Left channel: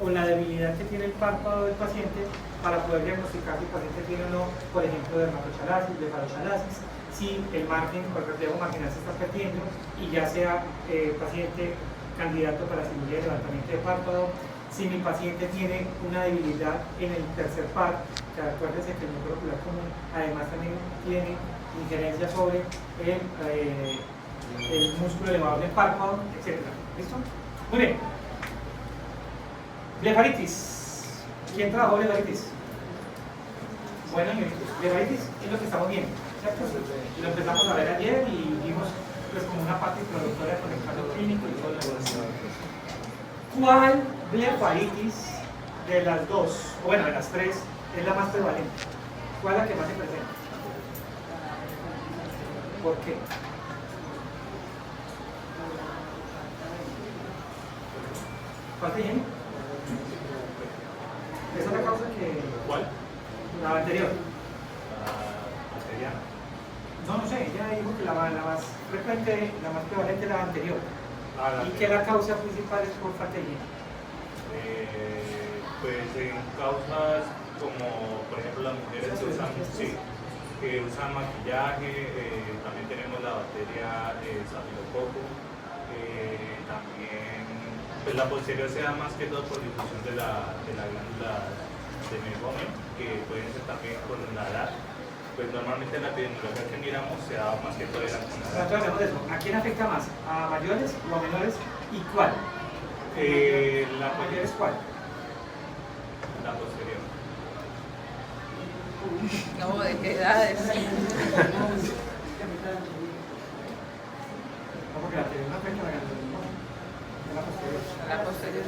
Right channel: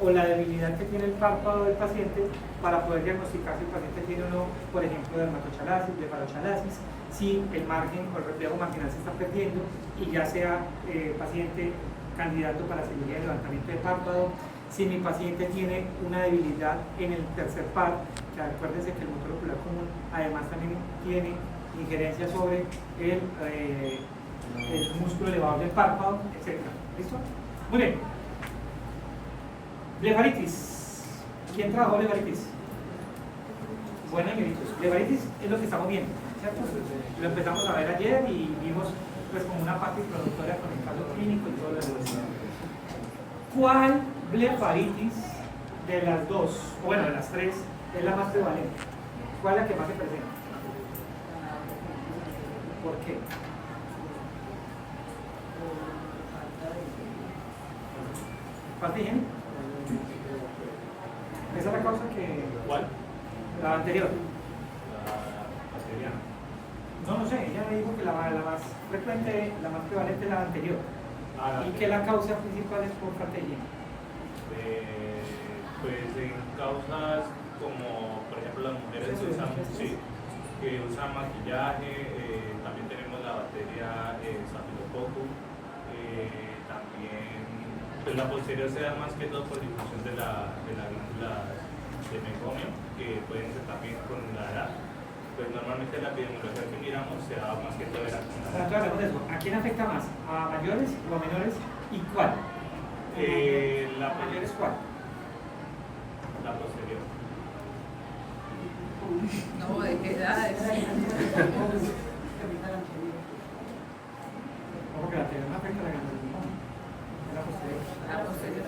o la debilidad que tiene el párpado del paciente para poder diagnosticar si el paciente tiene o no, por ejemplo, dermatochalasis, blefarochalasis, si el margen o el reflejo marginal se está perdiendo y ya sea paciente candidato para cirugía de levantamiento de párpado, si mi paciente tiene una debilidad en el tercer par, que acuérdense que el motor ocular común además también tiene injerencia sobre el músculo elevador del párpado, etc. ¿Listo? Muy bien. Blefaritis. ¿Quién trabajó blefaritis? Bueno, señoritos, blefaritis es lo que estamos viendo, ¿cierto? Lo empezamos a ver ayer y vimos pues como una parte introductoria con el caso clínico y todo lo demás. ¿Cuál blefaritis de las dos, o bueno, de las tres, es la más prevalente? ¿Cuál es la que más se presenta? ¿Por qué? ¿Cuál dije? ¿Esa es la causa que...? ¿Cuál? La anterior. La bacteriana. No sé, ella dijo que la más frecuente, la más prevalente es la anterior. Y que la causa principal es por falta de higiene. Pues en causas como, por ejemplo, las mujeres que usan maquillaje, también tenemos la bacteria Staphylococcus, también pues la posterior más que todo por difusión de la glándula de Meibomian, que pueden ser también con la edad. Pues normalmente la epidemiología que miramos se da más que todo en la Entonces hablemos de eso. ¿A quién afecta más? ¿A mayores o a menores? ¿Y cuál? la ¿Mayores cuál? La posterior. No, ¿de qué edades? No, porque la anterior no afecta a la glándula del pulmón. Es la posterior. La posterior.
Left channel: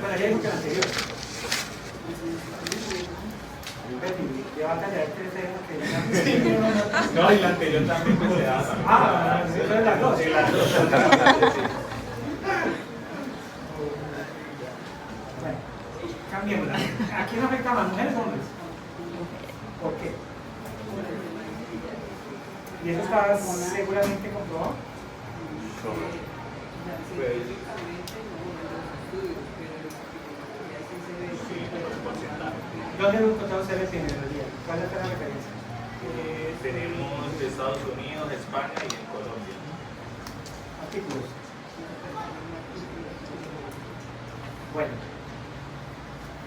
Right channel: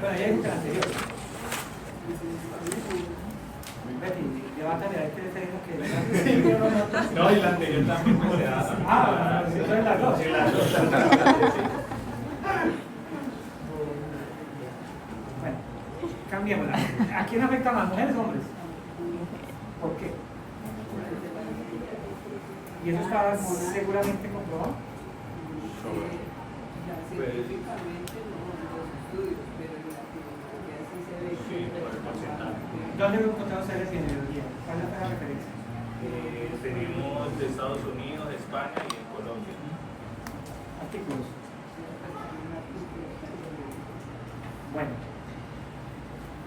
Bueno, ya dijo que la anterior. Levantale a ver qué le tenemos que... No, y la anterior también pues, se da. Ah, eso es las dos. Bueno, cambiémosla. ¿A quién afecta más, mujeres o hombres? ¿Por qué? ¿Y eso está seguramente comprobado? ¿Dónde lo encontramos ustedes en epidemiología? ¿Cuál es la referencia? Tenemos de Estados Unidos, España y en Colombia. Artículos. Bueno.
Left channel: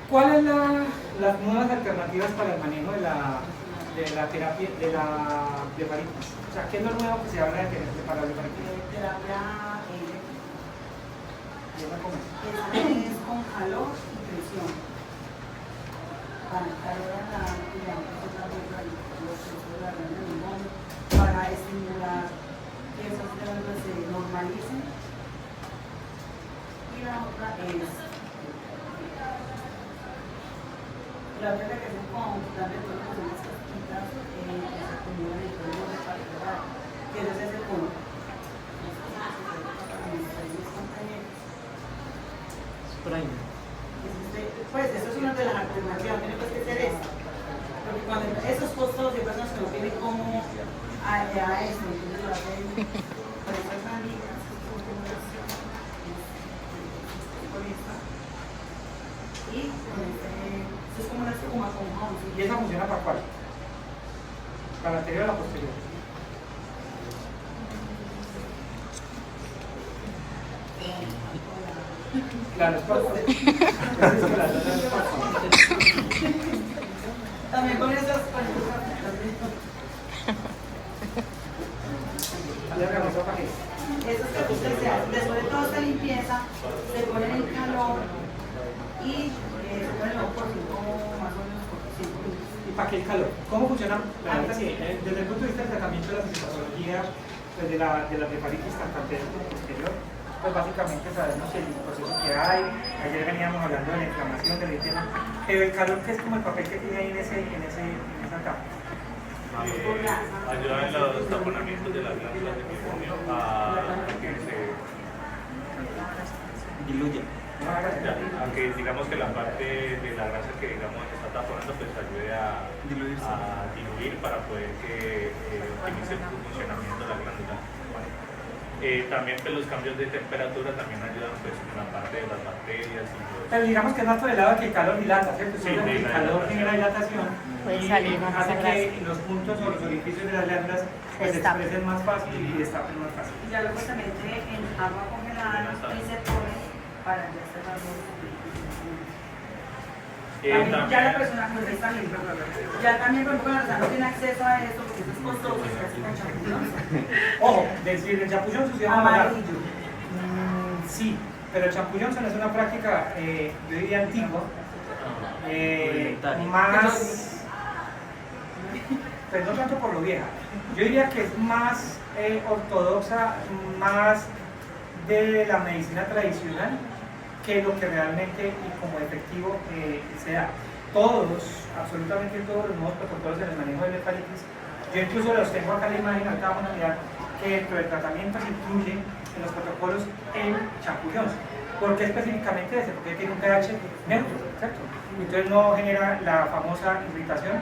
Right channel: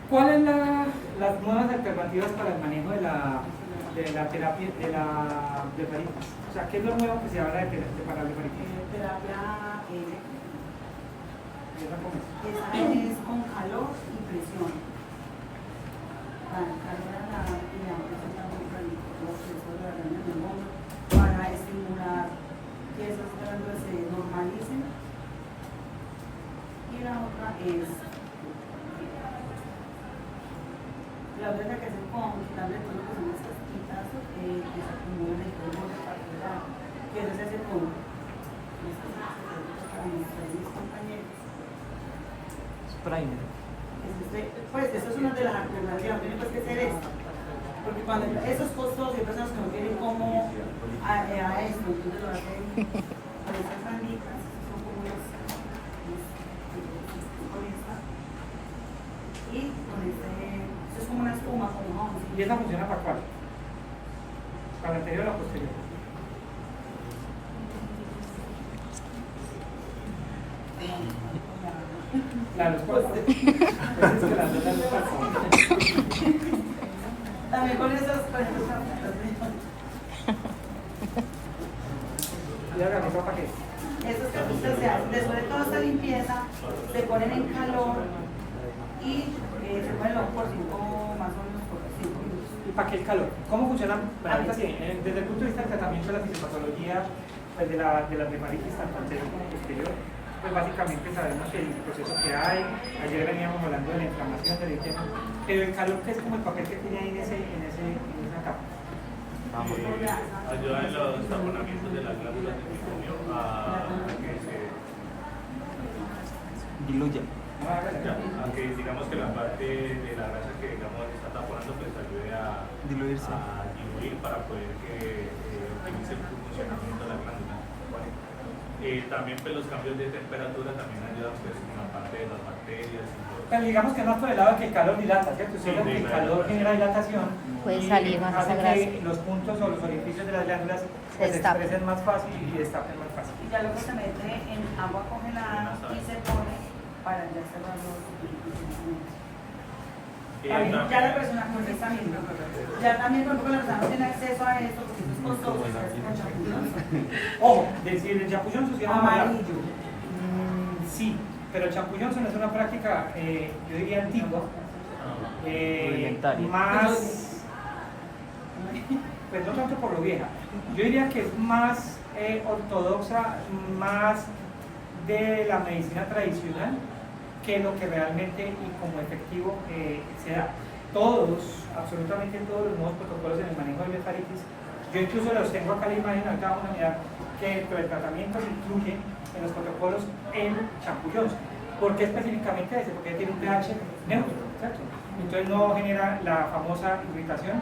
¿Cuáles las nuevas alternativas para el manejo de la terapia de la blefaritis? O sea, ¿qué es lo nuevo que se habla para la blefaritis? Terapia ¿Esa cómo es? es con calor y presión. Calor a la para estimular que esos glándulos se normalicen. Y la otra es la otra que hacen con quitarle todo lo que son las casquitas que se acumulan en el borde particular. Y eso se hace con mis compañeros. Pues eso es una de las alternativas, tiene que ser esto. Porque cuando esos costosos hay personas que no tienen cómo a esto, entonces lo hacen con estas banditas, son como unas con esta. Y con esto es como una espuma, como jabón. ¿Y esa funciona para cuál? ¿Para la anterior o la posterior? Claro, es También con esas esos que ustedes se hacen, después de toda esta limpieza, se ponen en calor y se ponen luego por 5, más o menos por 5 minutos. ¿Y para qué el calor? ¿Cómo funciona? Desde el punto de vista del tratamiento de la fisiopatología pues de la blefaritis tanto anterior como posterior, pues básicamente sabemos el proceso que hay. Ayer veníamos hablando de la inflamación del tema, pero el calor, que es como el papel que tiene ahí en esa capa. Ayuda en los taponamientos de las glándulas de micomio a que se Diluye. aunque digamos que la parte de la grasa que digamos está taponando pues ayude a diluir para poder que optimice el flujo funcionamiento de la glándula. También pues, los cambios de temperatura también ayudan pues, en la parte de las bacterias. Pero digamos que es más por el lado de que el calor dilata, ¿cierto? Sí, El calor genera dilatación. Puede y salir más hace esa grasa. que los puntos o los orificios de las glándulas Se destapen. expresen más fácil y destapen más fácil. Y ya luego se mete en agua congelada y se pone para ya cerrar los orificios. También, ya la persona con esta misma. Ya también cuando la persona no tiene acceso a esto, porque eso es costoso, se hace con champiñón. Ojo, decir el champullion se llama Amarillo. sí, pero el champullion es una práctica, yo diría antigua, más, pues no tanto por lo vieja, yo diría que es más ortodoxa, más de la medicina tradicional que lo que realmente y como efectivo sea. Todos, absolutamente todos los nuevos protocolos en el manejo de blefaritis, yo incluso los tengo acá en la imagen, ahorita vamos a mirar que dentro del tratamiento se incluye en los protocolos el champullion. ¿Por qué específicamente ese? Porque tiene un pH neutro, ¿cierto? Entonces no genera la famosa irritación,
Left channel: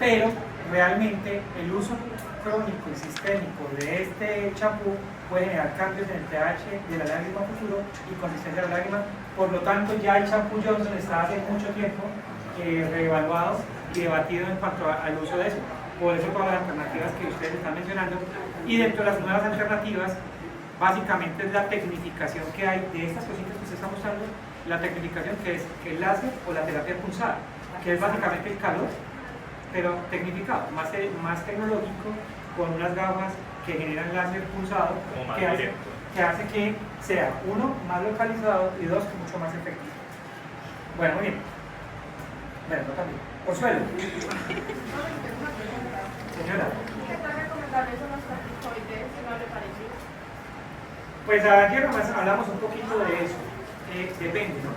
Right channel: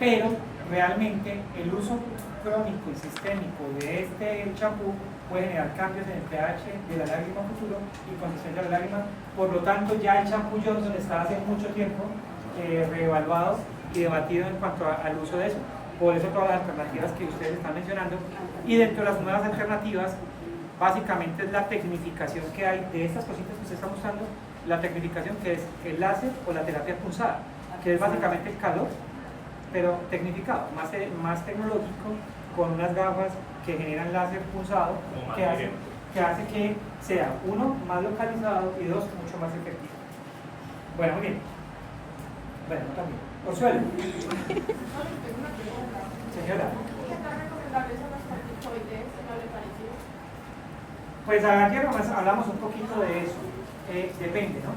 pero realmente el uso crónico y sistémico de este champú puede generar cambios en el pH de la lágrima futuro y consistencia de la lágrima. Por lo tanto, ya el champú Johnson está hace mucho tiempo reevaluado y debatido en cuanto al uso de eso. Por eso todas las alternativas que ustedes están mencionando. Y dentro de las nuevas alternativas, básicamente es la tecnificación que hay de estas cositas que usted está usando, la tecnificación que es el láser o la terapia pulsada, que es básicamente el calor, pero tecnificado, más tecnológico, con unas gafas que generan láser pulsado, que hace que sea, uno, más localizado y dos, mucho más efectivo. Bueno, muy bien. Bueno, no también. Orzuelo. Señora. ¿Qué tan recomendables son los corticoides en la blefaritis? Pues ayer nomás hablamos un poquito de eso. Depende, ¿no?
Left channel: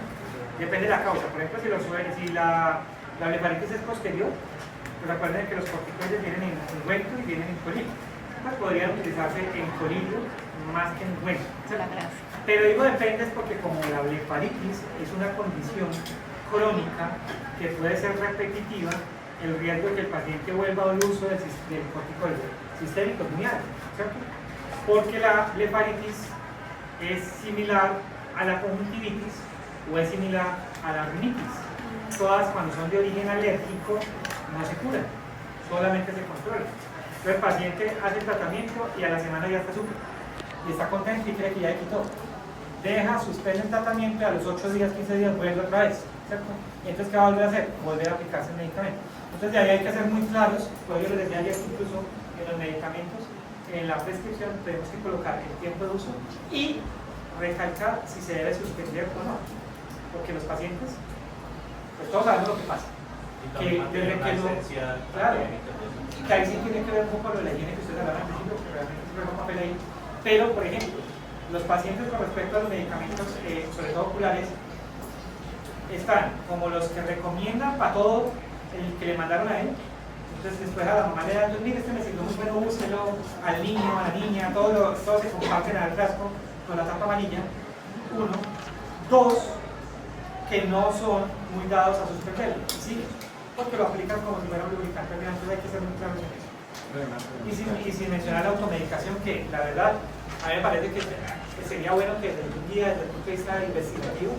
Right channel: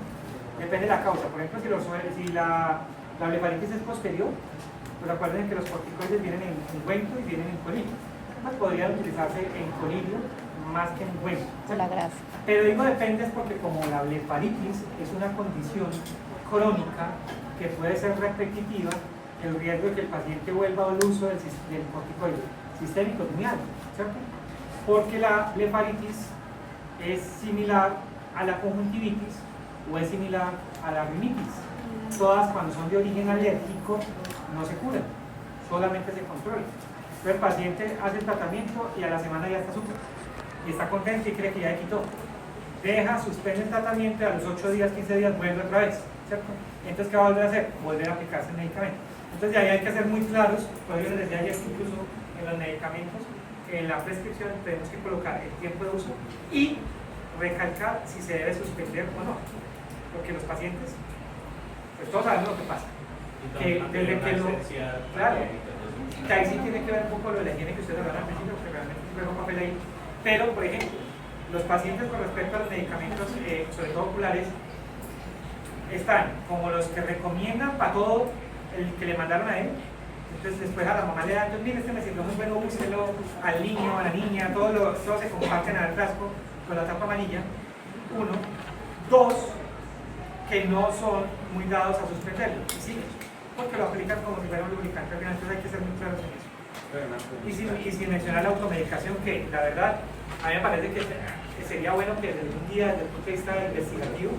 Depende de la causa. Por ejemplo, si la blefaritis es posterior, pues recuerden que los corticoides vienen en ungüento y vienen en colillo. Pues podrían utilizarse en colillo más que en ungüento. La grasa. Pero digo depende es porque como la blefaritis es una condición crónica que puede ser repetitiva, el riesgo de que el paciente vuelva al uso del corticoide sistémico es muy alto, ¿cierto? Porque la blefaritis es similar a la conjuntivitis o es similar a la rinitis. Todas cuando son de origen alérgico no se curan, solamente se controlan. Entonces el paciente hace el tratamiento y a la semana ya está súper y está contento y cree que ya quitó. Deja, suspende el tratamiento y a los 8 días, 15 días vuelve otra vez, ¿cierto? Entonces, ¿qué va a volver a hacer? Volver a aplicarse el medicamento. Entonces, de ahí hay que ser muy claros, por eso les decía ayer que incluso en los medicamentos, en la prescripción tenemos que colocar el tiempo de uso y recalcar si se debe suspender o no. Porque los pacientes, pues todos sabemos lo que pasa. Que desde que no, claro, que ahí sí tiene que ver un poco lo de la higiene que ustedes hablan al principio, que realmente es un papel ahí. Pero, por ejemplo, los pacientes con respecto a los medicamentos, sobre todo oculares, están como los que recomiendan para todo el que le mandaron a él. Entonces después a la mamá le dan, mire, este me sirvió muy bien, búsquelo al niño, a la niña, todos se comparten al frasco con la tapa amarilla. Uno. Dos, que no son muy dados a suspenderlo, ¿sí? Porque lo aplican como si fuera un lubricante, entonces hay que ser muy claros en eso. Y sin mencionar la automedicación, que la verdad, a mí me parece que sería bueno que desde un día, desde el punto de vista investigativo,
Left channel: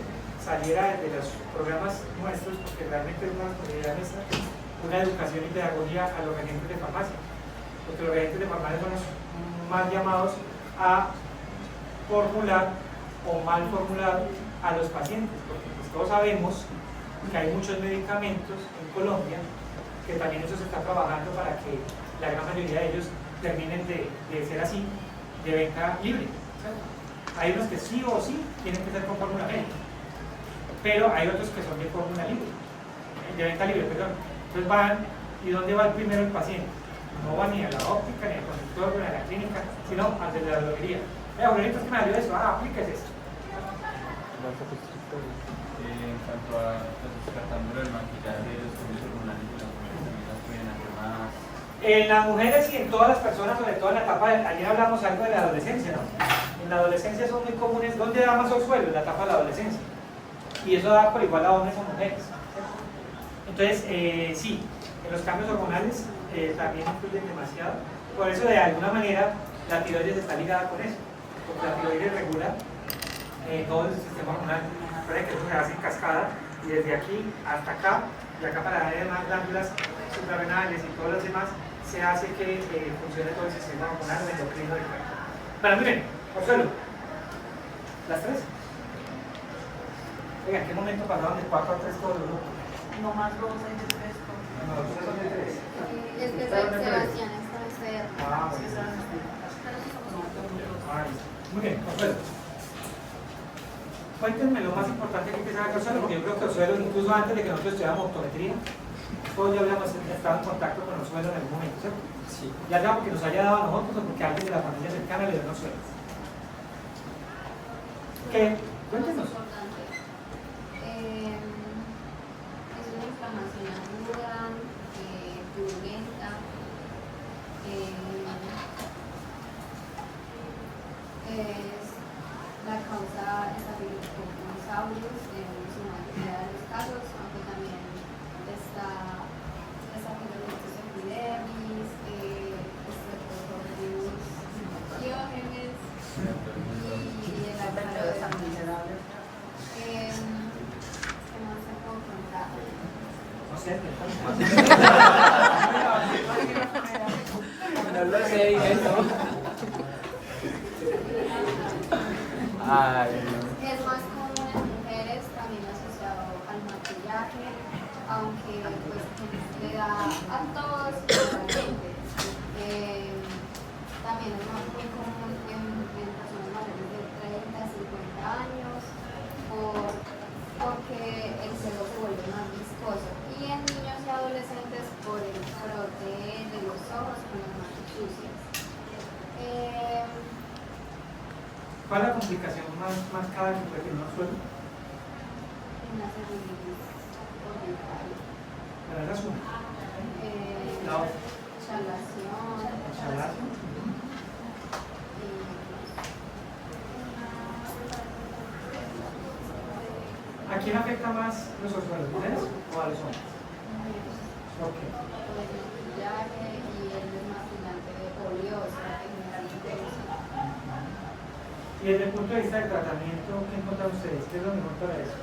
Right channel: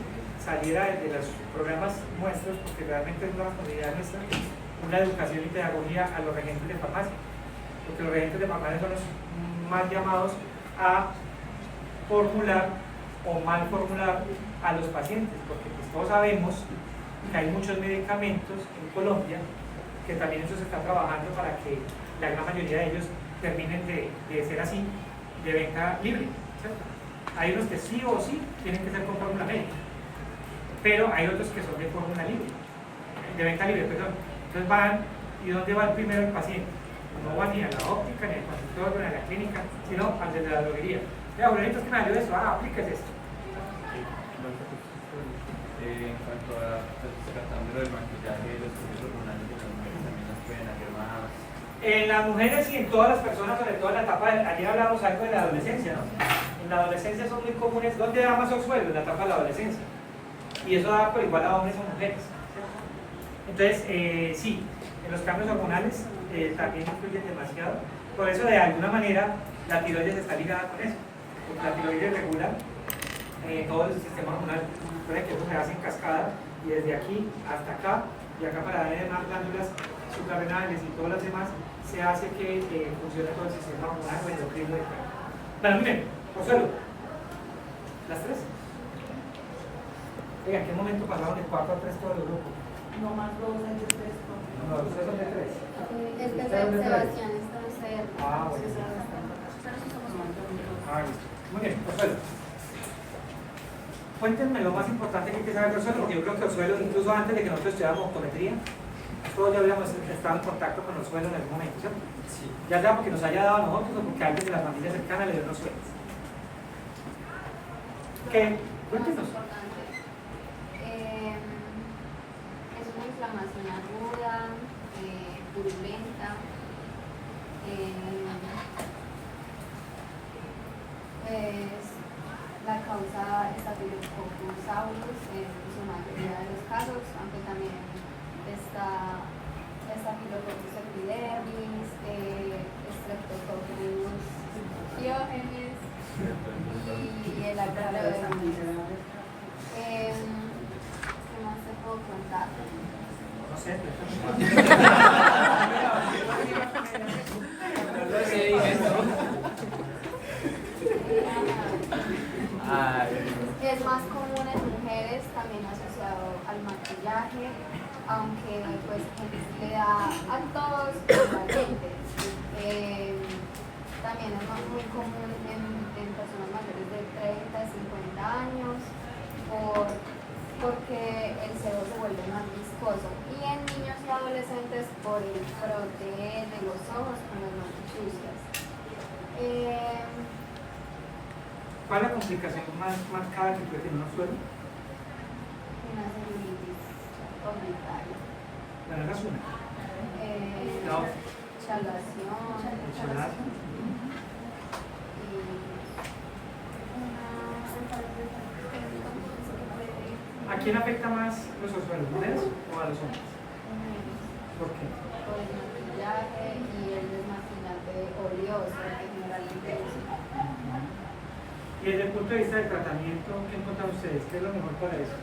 saliera de los programas nuestros, porque realmente es una responsabilidad nuestra, una educación y pedagogía a los regentes de farmacia, porque los regentes de farmacia son los más llamados a formular o mal formular a los pacientes, porque pues todos sabemos que hay muchos medicamentos en Colombia que también eso se está trabajando para que la gran mayoría de ellos terminen de ser así, de venta libre, ¿cierto? Hay unos que sí o sí tienen que ser con fórmula médica, pero hay otros que son de fórmula libre, de venta libre, perdón. Entonces van, ¿y dónde va primero el paciente? No va ni a la óptica, ni al consultorio, ni a la clínica, sino al de la droguería. Mira, Julián, ¿qué me ayuda eso? Aplíquese esto. En cuanto a descartando el maquillaje y los procesos hormonales de las mujeres también nos pueden hacer más. En las mujeres y en todas las personas, sobre todo en la etapa, ayer hablamos algo de la adolescencia, ¿no? En la adolescencia son muy comunes, ¿dónde da más orzuelo? En la etapa de la adolescencia. Y eso da por igual a hombres o mujeres. Entonces, sí, en los cambios hormonales también influyen demasiado. Por eso, de alguna manera, la tiroides está ligada con eso, porque la tiroides regula todo el sistema hormonal. Recuerden que eso se hace en cascada, y desde aquí hasta acá, y acá para dar más glándulas suprarrenales y todos los demás, se hace que funcione todo el sistema hormonal o endocrino del cuerpo. Bueno, miren, Consuelo, las tres. Oigan, ¿en qué momento pasaron de 4 a 3 todos los grupos? No más dos, hay de tres. No, ustedes son de 3. Es que Sebastián está en ser. Ah, Sí, bueno. está en Ay, muy bien, Consuelo. Cuéntenme lo más importante que hay que saber de Consuelo, porque yo creo que Consuelo, incluso antes de que nosotros estudiáramos optometría, todos ya habíamos estado en contacto con Consuelo en algún momento, ¿cierto? Sí. Ya sea porque nos haya dado a nosotros o porque alguien de la familia cercana le dio Consuelo. ¿Qué? Cuéntenos. Es una inflamación aguda, purulenta, es la causa Staphylococcus aureus en su mayoría de los casos, aunque también está Staphylococcus epidermis, Streptococcus pyogenes y el alcaloides. ¿Qué más te puedo contar? No sé. Que es más común en mujeres, también asociado al maquillaje, aunque pues le da a todos igualmente. También es muy común en personas mayores de 30 a 50 años porque el sebo se vuelve más viscoso, y en niños y adolescentes por el frote de los ojos con las manos sucias. ¿Cuál es la complicación más marcada que puede tener un suelo? Una celulitis orbital. Bueno, esa es una. No. Chalación. ¿A quién afecta más los suelos, mujeres o a los hombres? ¿Por qué? Por el maquillaje y el desmaquillante de oleoso, que generalmente usan. Y desde el punto de vista del tratamiento, ¿qué encuentran ustedes? ¿Qué es lo mejor para eso?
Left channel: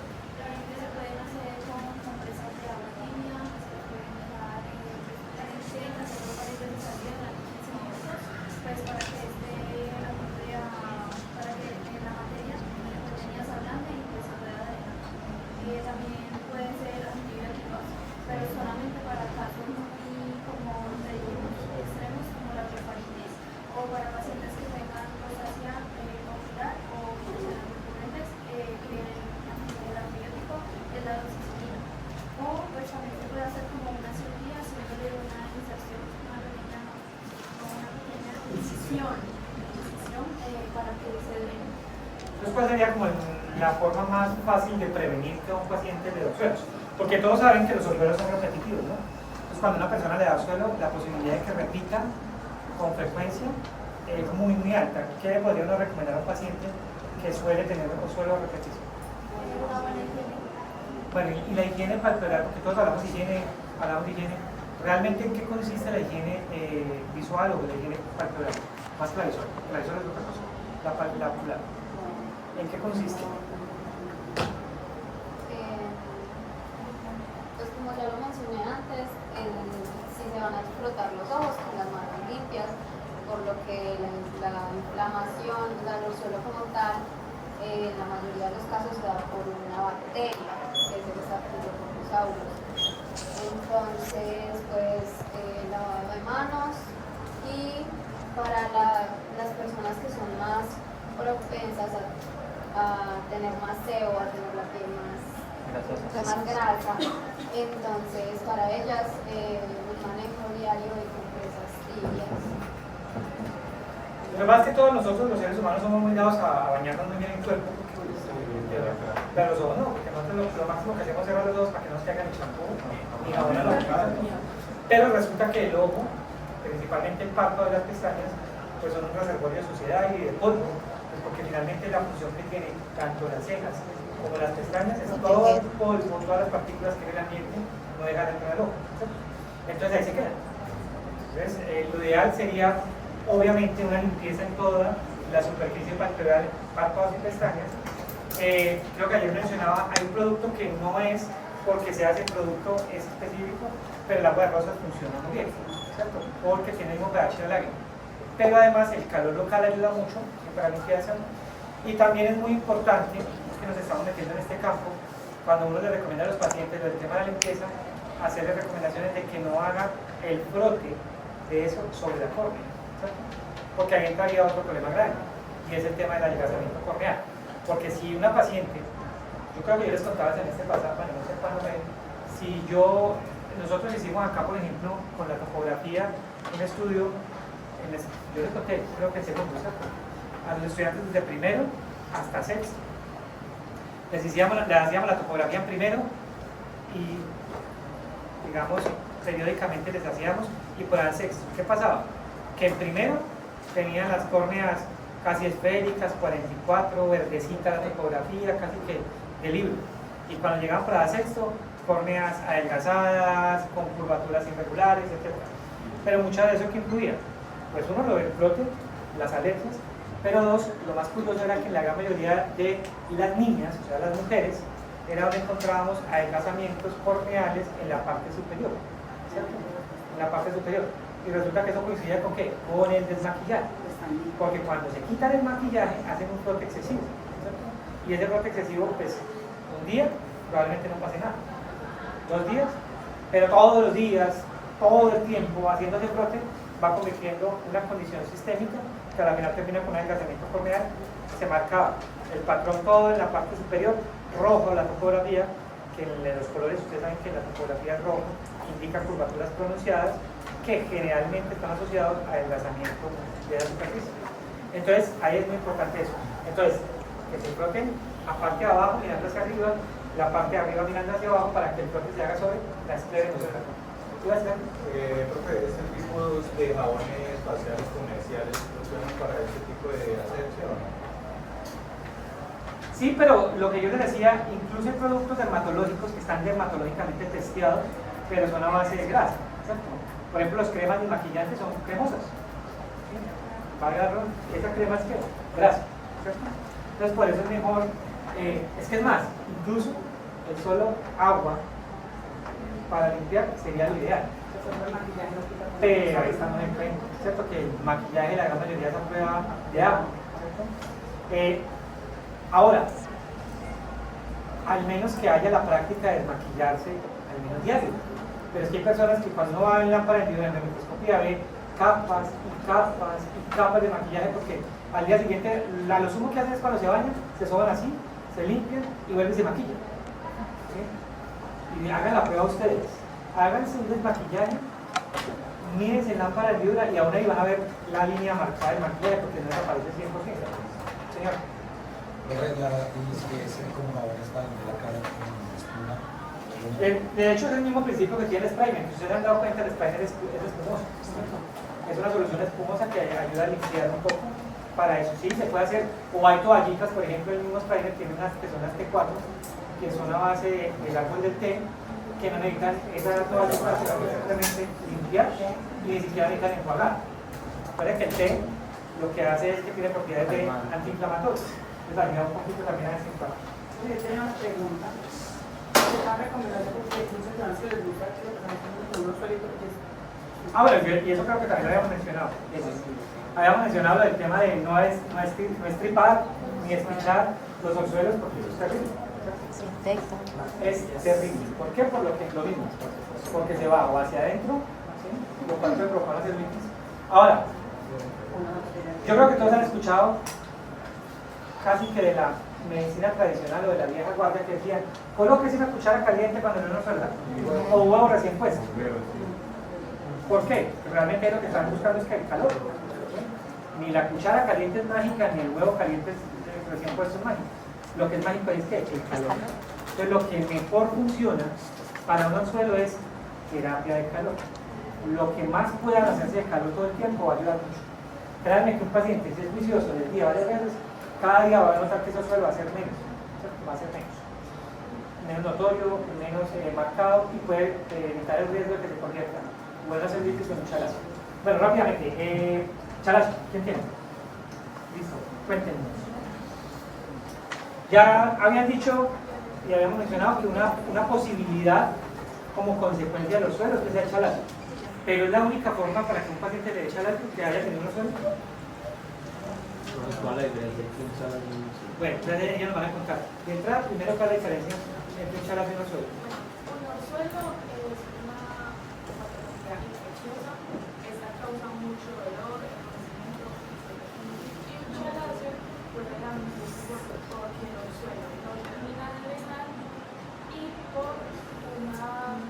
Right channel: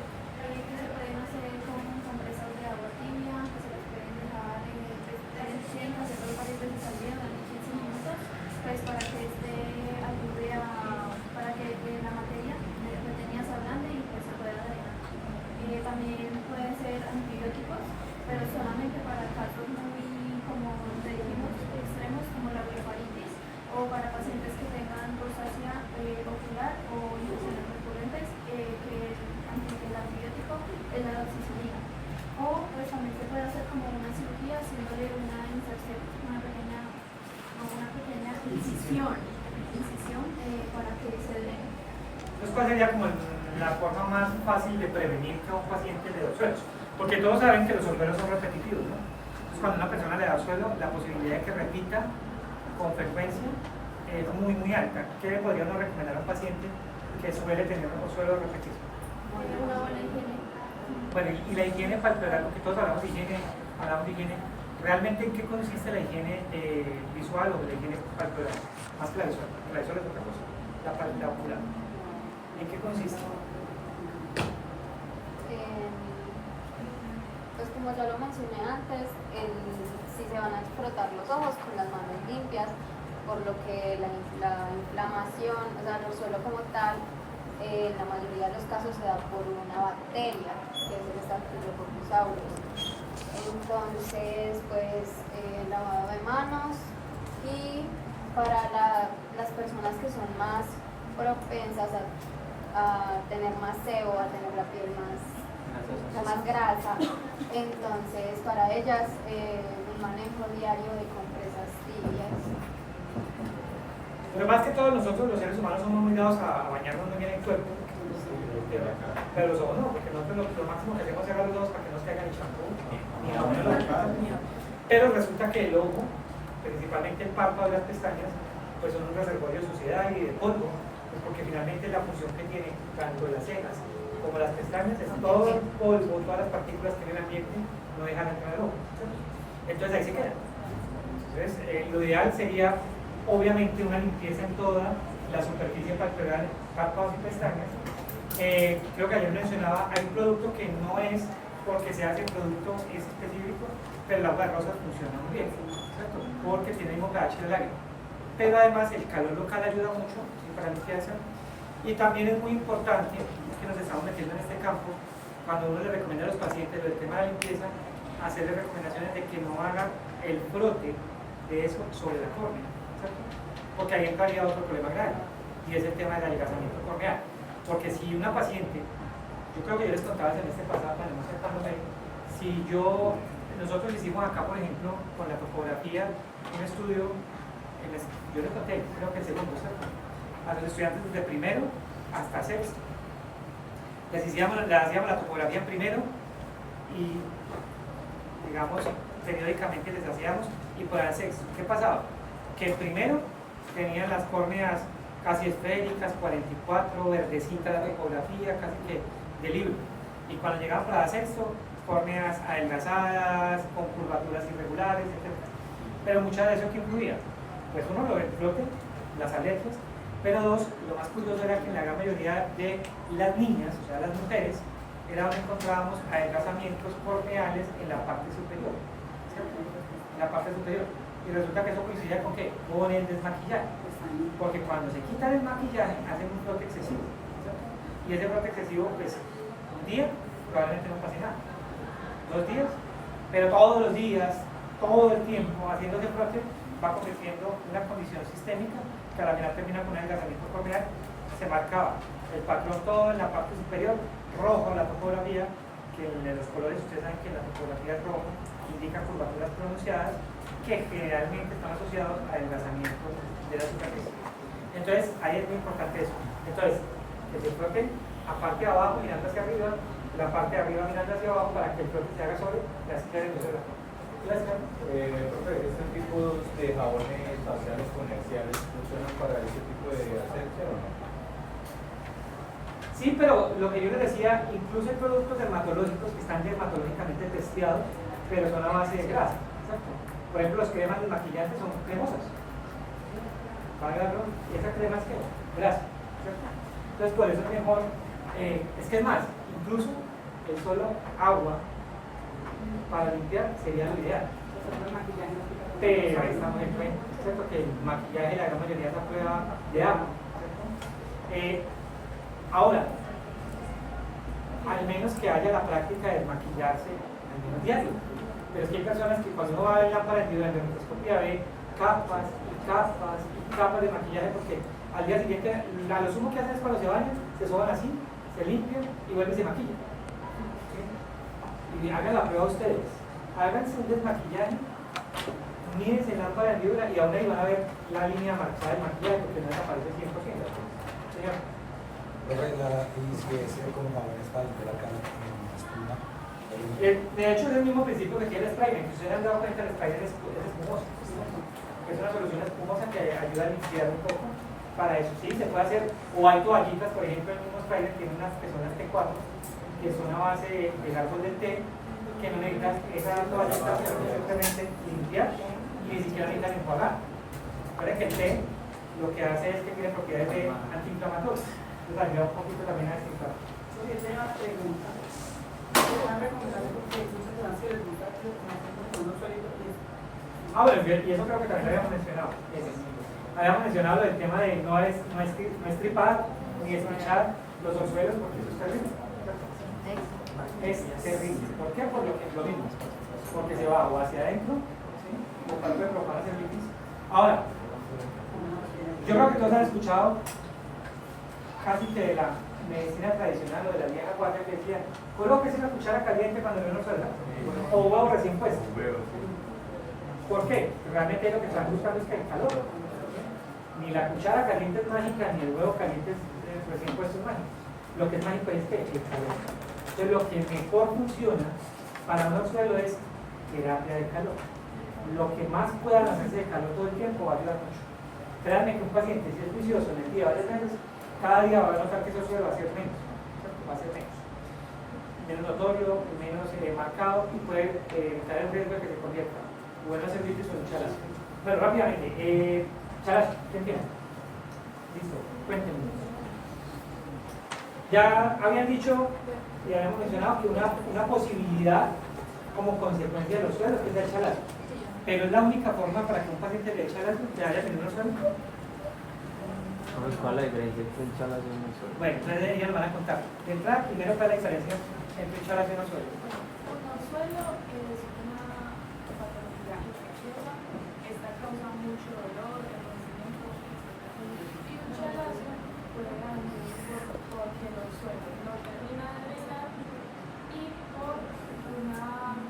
Entonces, ¿cuál sería como la forma más fácil de prevenir que a un paciente le dé suelos? Porque todos saben que los suelos son repetitivos, ¿no? Entonces, cuando una persona le da suelo, la posibilidad de que repita con frecuencia es muy, muy alta. ¿Qué le podría uno recomendar a un paciente que suele tener un suelo de repetición? Bueno, y la higiene palpebral, porque todos hablamos de higiene, ¿realmente en qué consiste la higiene visual o la higiene palpebral? Más que la visual es otra cosa, la ocular. ¿En qué consiste? Pues como ya lo mencioné antes, si se van a frotar los ojos con las manos limpias, por lo que la inflamación, o sea, el suelo como tal, en la mayoría de los casos se da por una bacteria, que es el Staphylococcus aureus. Entonces, pues, lavado de manos, y para las personas que son más propensas a tener más sebo, a tener la piel más grasa, entonces para ellas un manejo diario de compresas tibias. Lo más que todos nosotros los seres humanos somos muy dados a bañarnos muy bien el cuerpo, pero los ojos no, porque nosotros lo máximo que hacemos es cerrar los ojos para que no nos caigan el champú ni jabón a los ojos. Pero resulta que el ojo, principalmente el párpado y las pestañas, pues son un reservorio de suciedad y de polvo, pues porque finalmente la función que tienen tanto las cejas como las pestañas es todo el polvo, todas las partículas que en el ambiente no dejan entrar al ojo, ¿cierto? Entonces ahí se quedan. Entonces, lo ideal sería, obviamente, una limpieza en toda la superficie palpebral, párpados y pestañas. Creo que ayer mencionaba, hay un producto que no es porque se hace producto específico, pero el agua de rosas funciona muy bien, ¿cierto? Porque tiene un pH de lágrima. Pero además el calor local ayuda mucho para la limpieza. Y también es muy importante, que nos estamos metiendo en este campo, cuando uno le recomienda a los pacientes el tema de la limpieza, hacerles recomendaciones de que no haga el frote de eso sobre la córnea, ¿cierto? Porque ahí entraría otro problema grave, y es el tema del adelgazamiento corneal. Porque si una paciente, yo creo que yo les contaba en este pasado, bueno, no acercándome, si nosotros hicimos acá, por ejemplo, con la topografía, un estudio, yo les conté, creo que el segundo, ¿cierto? A los estudiantes desde primero hasta sexto. Les hacíamos la topografía en primero y, digamos, periódicamente les hacíamos, y por el sexto, ¿qué pasaba? Que el primero tenían las córneas casi esféricas, 44, verdecita la topografía, casi que de libro. Y cuando llegaban para el sexto, córneas adelgazadas, con curvaturas irregulares, etc. Pero mucho de eso que incluía, pues uno, lo del frote, las alergias, pero dos, lo más curioso era que en la gran mayoría de las niñas, o sea, las mujeres, era donde encontrábamos adelgazamientos corneales en la parte superior, ¿cierto? En la parte superior. Y resulta que eso coincidía con ¿qué? Con el desmaquillaje. Porque cuando se quitan el maquillaje, hacen un frote excesivo, ¿cierto? Y ese frote excesivo, pues, un día probablemente no pase nada, 2 días, pero todos los días, todo el tiempo, haciendo ese frote, va convirtiendo una condición sistémica que a la final termina con un adelgazamiento corneal. Se marcaba el patrón todo en la parte superior, rojo la topografía, que en los colores, ustedes saben que la topografía es rojo, indica curvaturas pronunciadas que generalmente están asociados a adelgazamiento de la superficie. Entonces, ahí es muy importante eso. Entonces, que se froten a parte de abajo mirando hacia arriba, la parte de arriba mirando hacia abajo, para que el frote se haga sobre la esclera de la Profe, este tipo de jabones faciales comerciales son para este tipo de asepsia o no? Sí, pero lo que yo les decía, incluso hay productos dermatológicos que están dermatológicamente testeados, pero son a base de grasa, ¿cierto? Por ejemplo, las cremas de maquillante son cremosas. Esa crema es que grasa, ¿cierto? Entonces, por eso es mejor, es que es más, incluso el solo agua para limpiar sería lo ideal. Pero ahí estamos en cuenta, ¿cierto? Que el maquillaje, la gran mayoría es a prueba de agua, ¿cierto? Ahora, al menos que haya la práctica de maquillarse al menos diario. Pero es que hay personas que cuando uno va a ver la pared en la microscopía ve capas y capas y capas de maquillaje, porque al día siguiente, a lo sumo que hacen es cuando se bañan, se soban así, se limpian y vuelven y se maquillan. ¿Sí? Y hagan la prueba ustedes. Háganse un desmaquillaje, mírense en lámpara de vibra y aún ahí van a ver la línea marcada del maquillaje, porque no desaparece 100%. Señor. De hecho es el mismo principio que tiene el Sprayer. Si ustedes han dado cuenta, el Sprayer es espumoso. Es una solución espumosa que ayuda a limpiar un poco. Para eso sí, se puede hacer, o hay toallitas, por ejemplo, el mismo Sprayer tiene unas que son las T4, que son a base del árbol del té, que no necesitan esa toalla para simplemente limpiar y ni siquiera necesitan enjuagar. Recuerden que el té lo que hace es que tiene propiedades de antiinflamatorias. Entonces ayuda un poquito también a desinflamar. Tengo una pregunta. ¿Cuál recomendación? Porque muchas personas que les gusta que uno suele. Bueno, y eso creo que también lo habíamos mencionado. Habíamos mencionado el tema de no estripar ni espichar los orzuelos, porque eso es terrible. Es terrible. ¿Por qué? Por lo mismo. Porque se va o hacia adentro, ¿sí? Por tanto de provocar las celulitis. Ahora, yo creo que todos han escuchado casi que de la medicina tradicional o de la vieja guardia que decían, colóquese una cuchara caliente cuando no nos suelta, o un huevo recién puesto. ¿Por qué? Porque realmente lo que están buscando es que el calor. Ni la cuchara caliente es mágica, ni el huevo caliente recién puesto es mágico. Lo que es mágico es que el calor. Entonces lo que mejor funciona para un anzuelo es terapia de calor. Lo que más puedan hacerse de calor todo el tiempo va a ayudar mucho. Créanme que un paciente si es juicioso del día varias veces, cada día va a notar que ese suelo va a ser menos. Va a ser menos notorio, menos marcado y puede evitar el riesgo de que se convierta. Bueno, hacer líquidos en muchas gracias. Bueno, rápidamente, Chalacio, ¿quién tiene? Listo, cuéntenos. Ya habían dicho y habíamos mencionado que una posibilidad como consecuencia de los suelos que sea el chalacio, pero es la única forma para que un paciente le dé chalacio que haya tenido unos suelos. Bueno, entonces ya nos van a contar. De entrada, primero, ¿cuál es la diferencia entre un chalacio y un suelo? Un orzuelo es una patología infecciosa, esta causa mucho dolor, enrojecimiento y un chalacio puede dar un motivo porque el orzuelo no termina de drenar y por una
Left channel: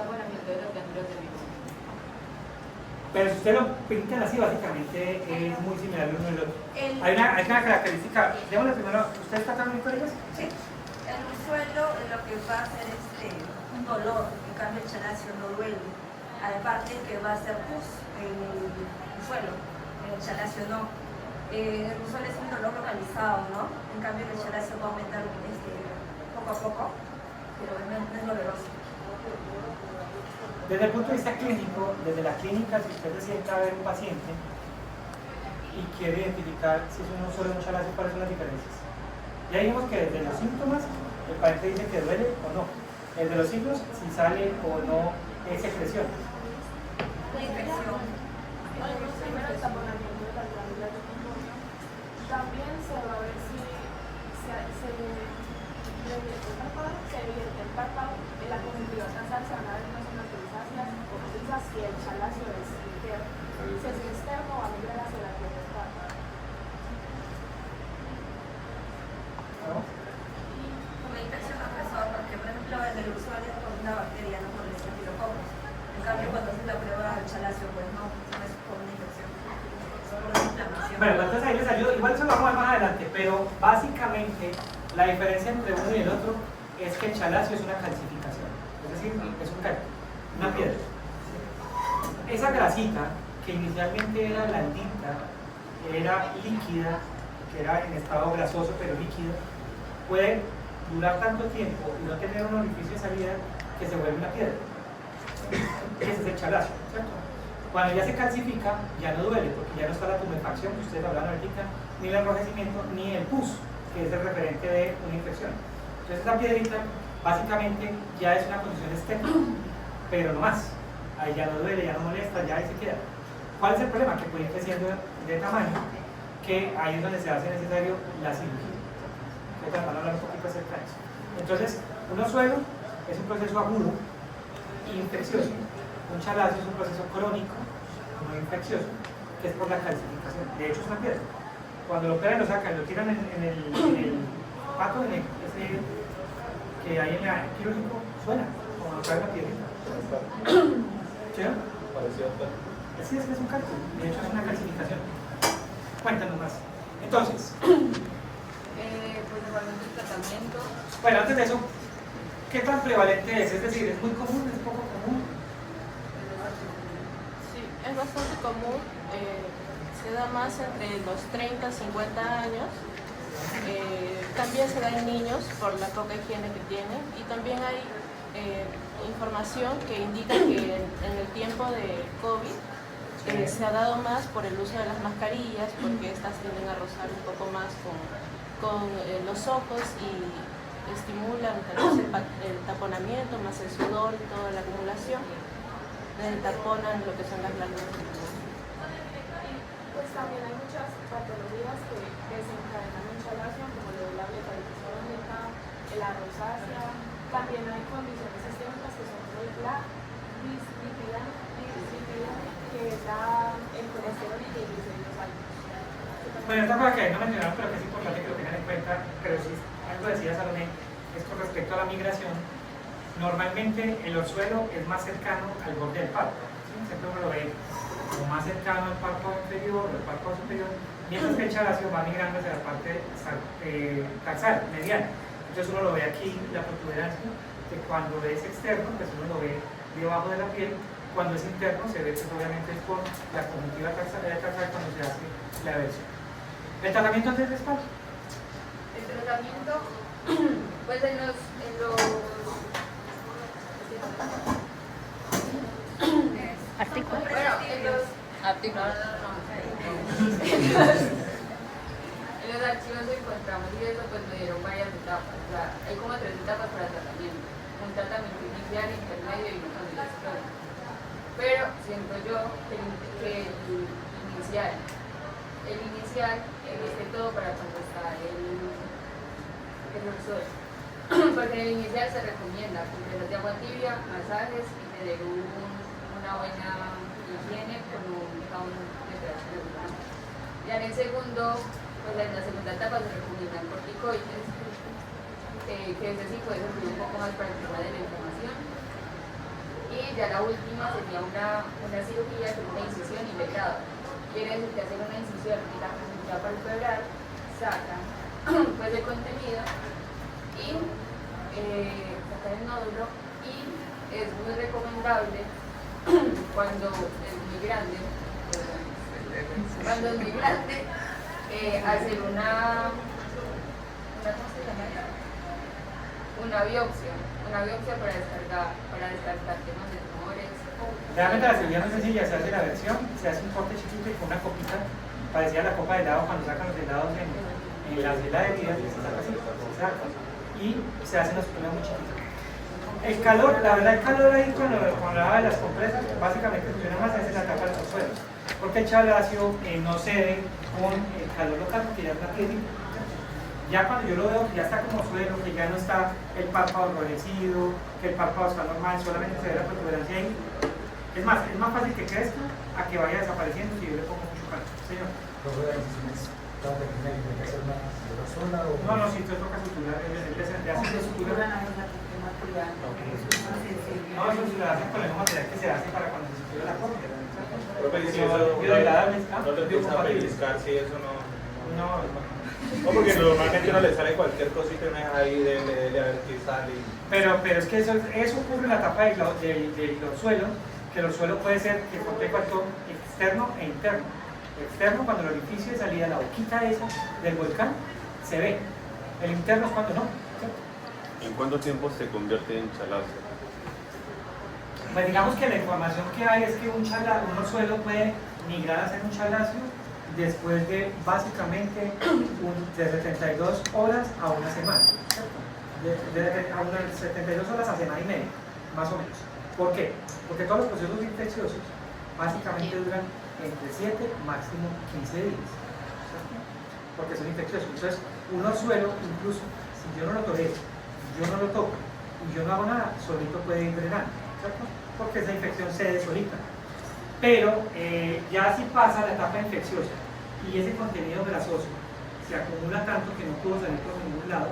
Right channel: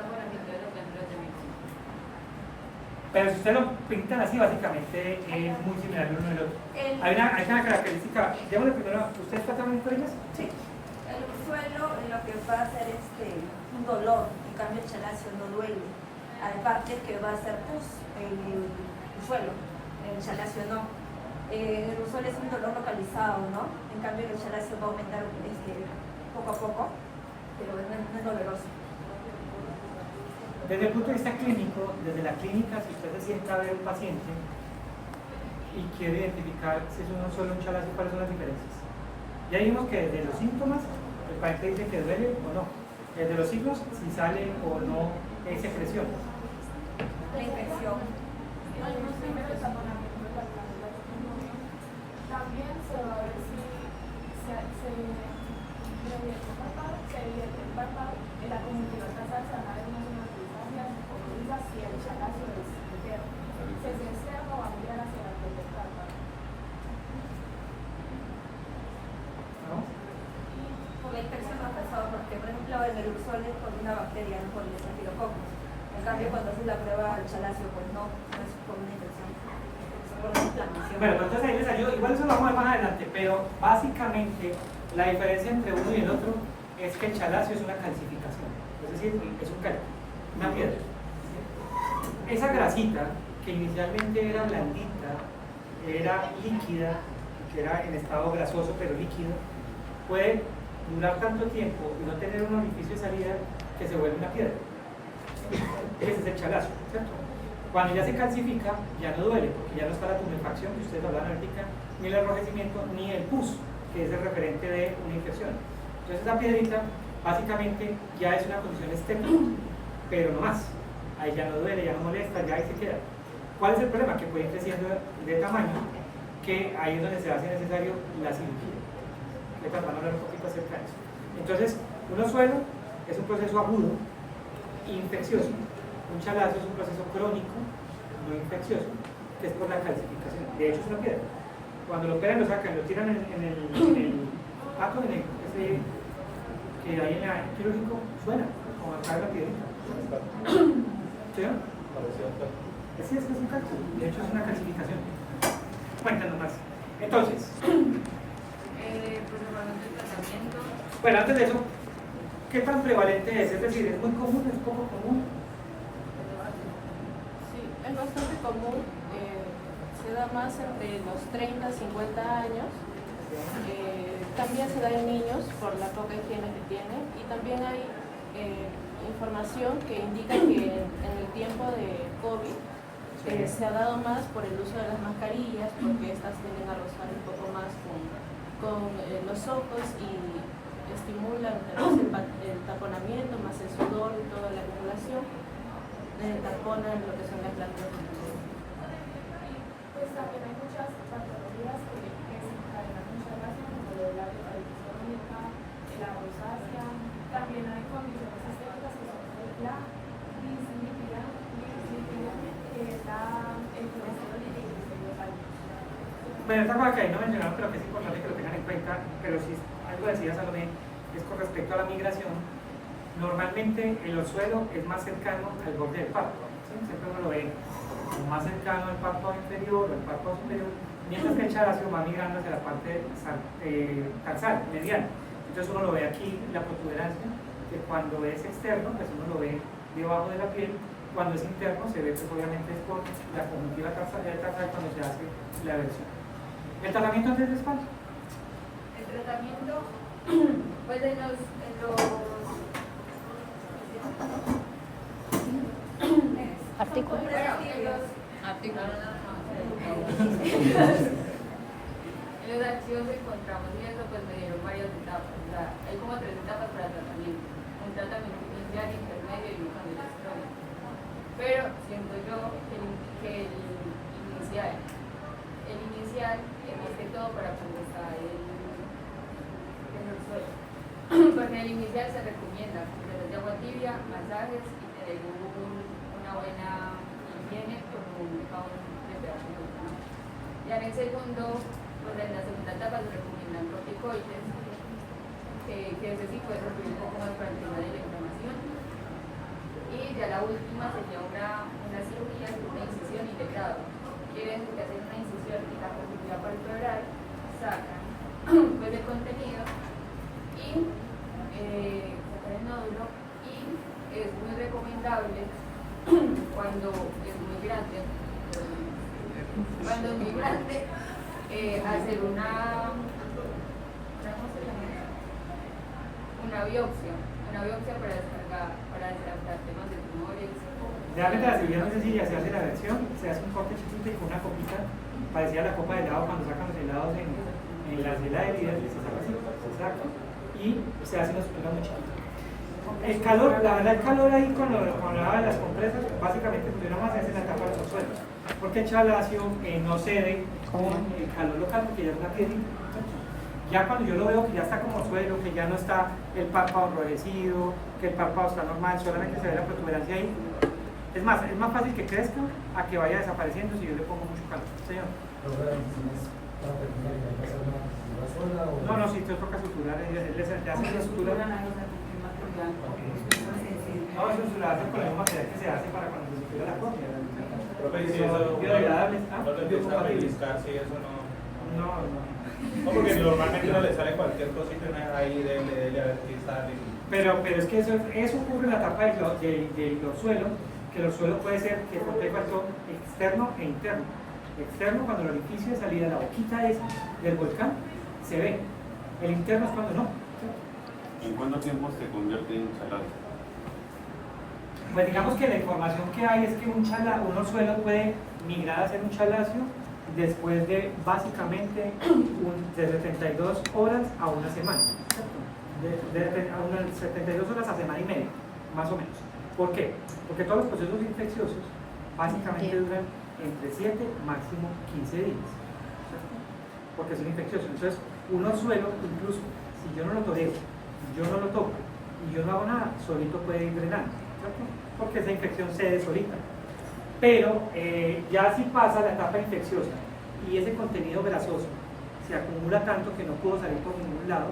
buenamiento de los ganglios de virus. Pero si ustedes lo pintan así, básicamente es muy similar el uno al otro. Hay una característica, démosle primero, ¿usted está también con ellas? Sí. El suelo lo que va a hacer es un dolor, en cambio el chalacio no duele. Aparte que va a ser pus en el suelo, el chalacio no. El suelo es un dolor localizado, ¿no? En cambio el chalacio va a aumentar poco a poco, pero no es doloroso. Desde el punto de vista clínico, desde la clínica, si usted se sienta a ver un paciente y quiere identificar si es uno solo un chalacio, ¿cuáles son las diferencias? Ya vimos que desde los síntomas, el paciente dice que duele o no. Desde los signos, si sale o no secreción. La infección. También se va a ver si se evidencia el párpado en la conjuntiva nasal, se van a ver unas cicatrizaciones ocultas y el chalacio es interno. Si es externo, va a mirar hacia la piel del párpado. ¿No? Por la infección, profesor, porque por ejemplo el del usuario es por una bacteria, no por el estafilococcus. En cambio, cuando haces la prueba del chalacio, pues no es por una infección, es por una inflamación. Bueno, entonces ahí les ayudo, igual eso lo vamos a ver más adelante, pero básicamente la diferencia entre uno y el otro es que el chalacio es una calcificación, es decir, es un calcio, una piedra. Esa grasita, que inicialmente era blandita, era líquida, que era en estado grasoso pero líquido, puede durar tanto tiempo y no tener un orificio de salida que se vuelve una piedra. Ese es el chalacio, ¿cierto? Cuando ya se calcifica, ya no duele, porque ya no está la tumefacción, que ustedes hablan ahorita, ni el enrojecimiento, ni el pus, que es el referente de una infección. Entonces esta piedrita, básicamente, ya es una condición estética, pero no más. Ahí ya no duele, ya no molesta, ya ahí se queda. ¿Cuál es el problema? Que puede ir creciendo de tamaño, que ahí es donde se hace necesario la cirugía. Que van a hablar un poquito acerca de eso. Entonces, un orzuelo es un proceso agudo, infeccioso. Un chalacio es un proceso crónico, no infeccioso, que es por la calcificación. De hecho, es una piedra. Cuando lo operan, lo sacan, lo tiran en el pato, ese que hay en el quirúrgico, suena, como lo cae la piedra. ¿Sí? Sí, es un cálculo. De hecho, es una calcificación. Cuéntanos más. Entonces, Pues igualmente el tratamiento. bueno, antes de eso, ¿qué tan prevalente es? Es decir, ¿es muy común? ¿Es poco común? Sí, es bastante común. Se da más entre los 30 y 50 años. También se da en niños por la poca higiene que tienen. Y también hay información que indica que en el tiempo de COVID se ha dado más por el uso de las mascarillas, porque estas tienden a rozar un poco más con los ojos y estimulan el taponamiento, más el sudor, toda la acumulación, taponan lo que son las glándulas. Pues también hay muchas patologías que desencadenan un chalacio, como lo de la blepharosis crónica, la rosácea. También hay condiciones sistémicas que son la dislipidemia, que da el colesterol y triglicéridos altos. Bueno, esta cosa que no mencionaron, pero que es importante que lo tengan en cuenta, pero si algo decía Salomé, es con respecto a la migración. Normalmente el orzuelo es más cercano al borde del párpado, ¿sí? Siempre uno lo ve como más cercano al párpado inferior o al párpado superior, mientras que el chalacio va migrando hacia la parte tarsal, medial. Entonces uno lo ve aquí, la protuberancia, que cuando es externo, pues uno lo ve debajo de la piel. Cuando es interno, se ve que obviamente es por la conjuntiva tarsal cuando se hace la versión. ¿El tratamiento antes de espalda? El tratamiento, pues en los Artículos. bueno, en los Artículos. En los archivos que encontramos y eso, pues me dieron varias etapas. O sea, hay como 3 etapas para el tratamiento. Un tratamiento inicial, intermedio y un cambio. Pero siento yo que el inicial es todo para cuando está el suelo. Porque en el inicial se recomienda compresas de agua tibia, masajes y tener una buena higiene como un jabón de operación. Ya en el segundo, pues en la segunda etapa se recomiendan corticoides, que ese sí puede servir un poco más para el tema de la inflamación. Y ya la última sería una cirugía con una incisión y vetada. Quiere decir que hacen una incisión en la capícula palpebral, sacan pues el contenido y sacan el nódulo, y es muy recomendable cuando es muy grande, hacer una biopsia para descartar temas de tumores. Realmente la cirugía no es sencilla, se hace la versión, se hace un corte chiquito y con una copita, parecía la copa de helado cuando sacan los helados en las heladerías, y se saca así, exacto, y se hace una muy chiquita. El calor, la verdad, el calor ahí cuando hablaba de las compresas, básicamente funciona más en la tapa de los suelos, porque el chalacio no cede con el calor local, porque ya es una piel. Ya cuando yo lo veo que ya está como suelo, que ya no está el párpado enrojecido, que el párpado está normal, solamente se ve la protuberancia ahí, es más fácil que crezca a que vaya desapareciendo si yo le pongo mucho calor. Señor. ¿La incisión es tan pequeña que tiene que hacer una zona o...? No, si esto es toca sutura, ya hace una sutura. No, eso se lo hacen con el mismo material que se hace para cuando se sutura la córnea. Biodegradables, sí, eso no, porque normalmente uno le sale cualquier cosita ahí de ver qué sale. Pero es que eso ocurre en la etapa de los suelos, que los suelos puede ser que contenga factor externo e interno. Externo, cuando el orificio de salida, la boquita esa del volcán, se ve. El interno es cuando no. ¿En cuánto tiempo se convierte en chalazo? Pues digamos que la información que hay es que un suelo puede migrar a ser un chalacio después de básicamente de 72 horas a una semana. De 72 horas a semana y media, más o menos. ¿Por qué? Porque todos los procesos infecciosos básicamente duran entre 7, máximo 15 días. Porque son infecciosos. Entonces, un suelo, incluso si yo no lo tolero, yo no lo toco y yo no hago nada, solito puede ir drenando, ¿cierto? Porque esa infección cede solita. Pero ya si pasa la etapa infecciosa y ese contenido grasoso se acumula tanto que no puedo salir por ningún lado,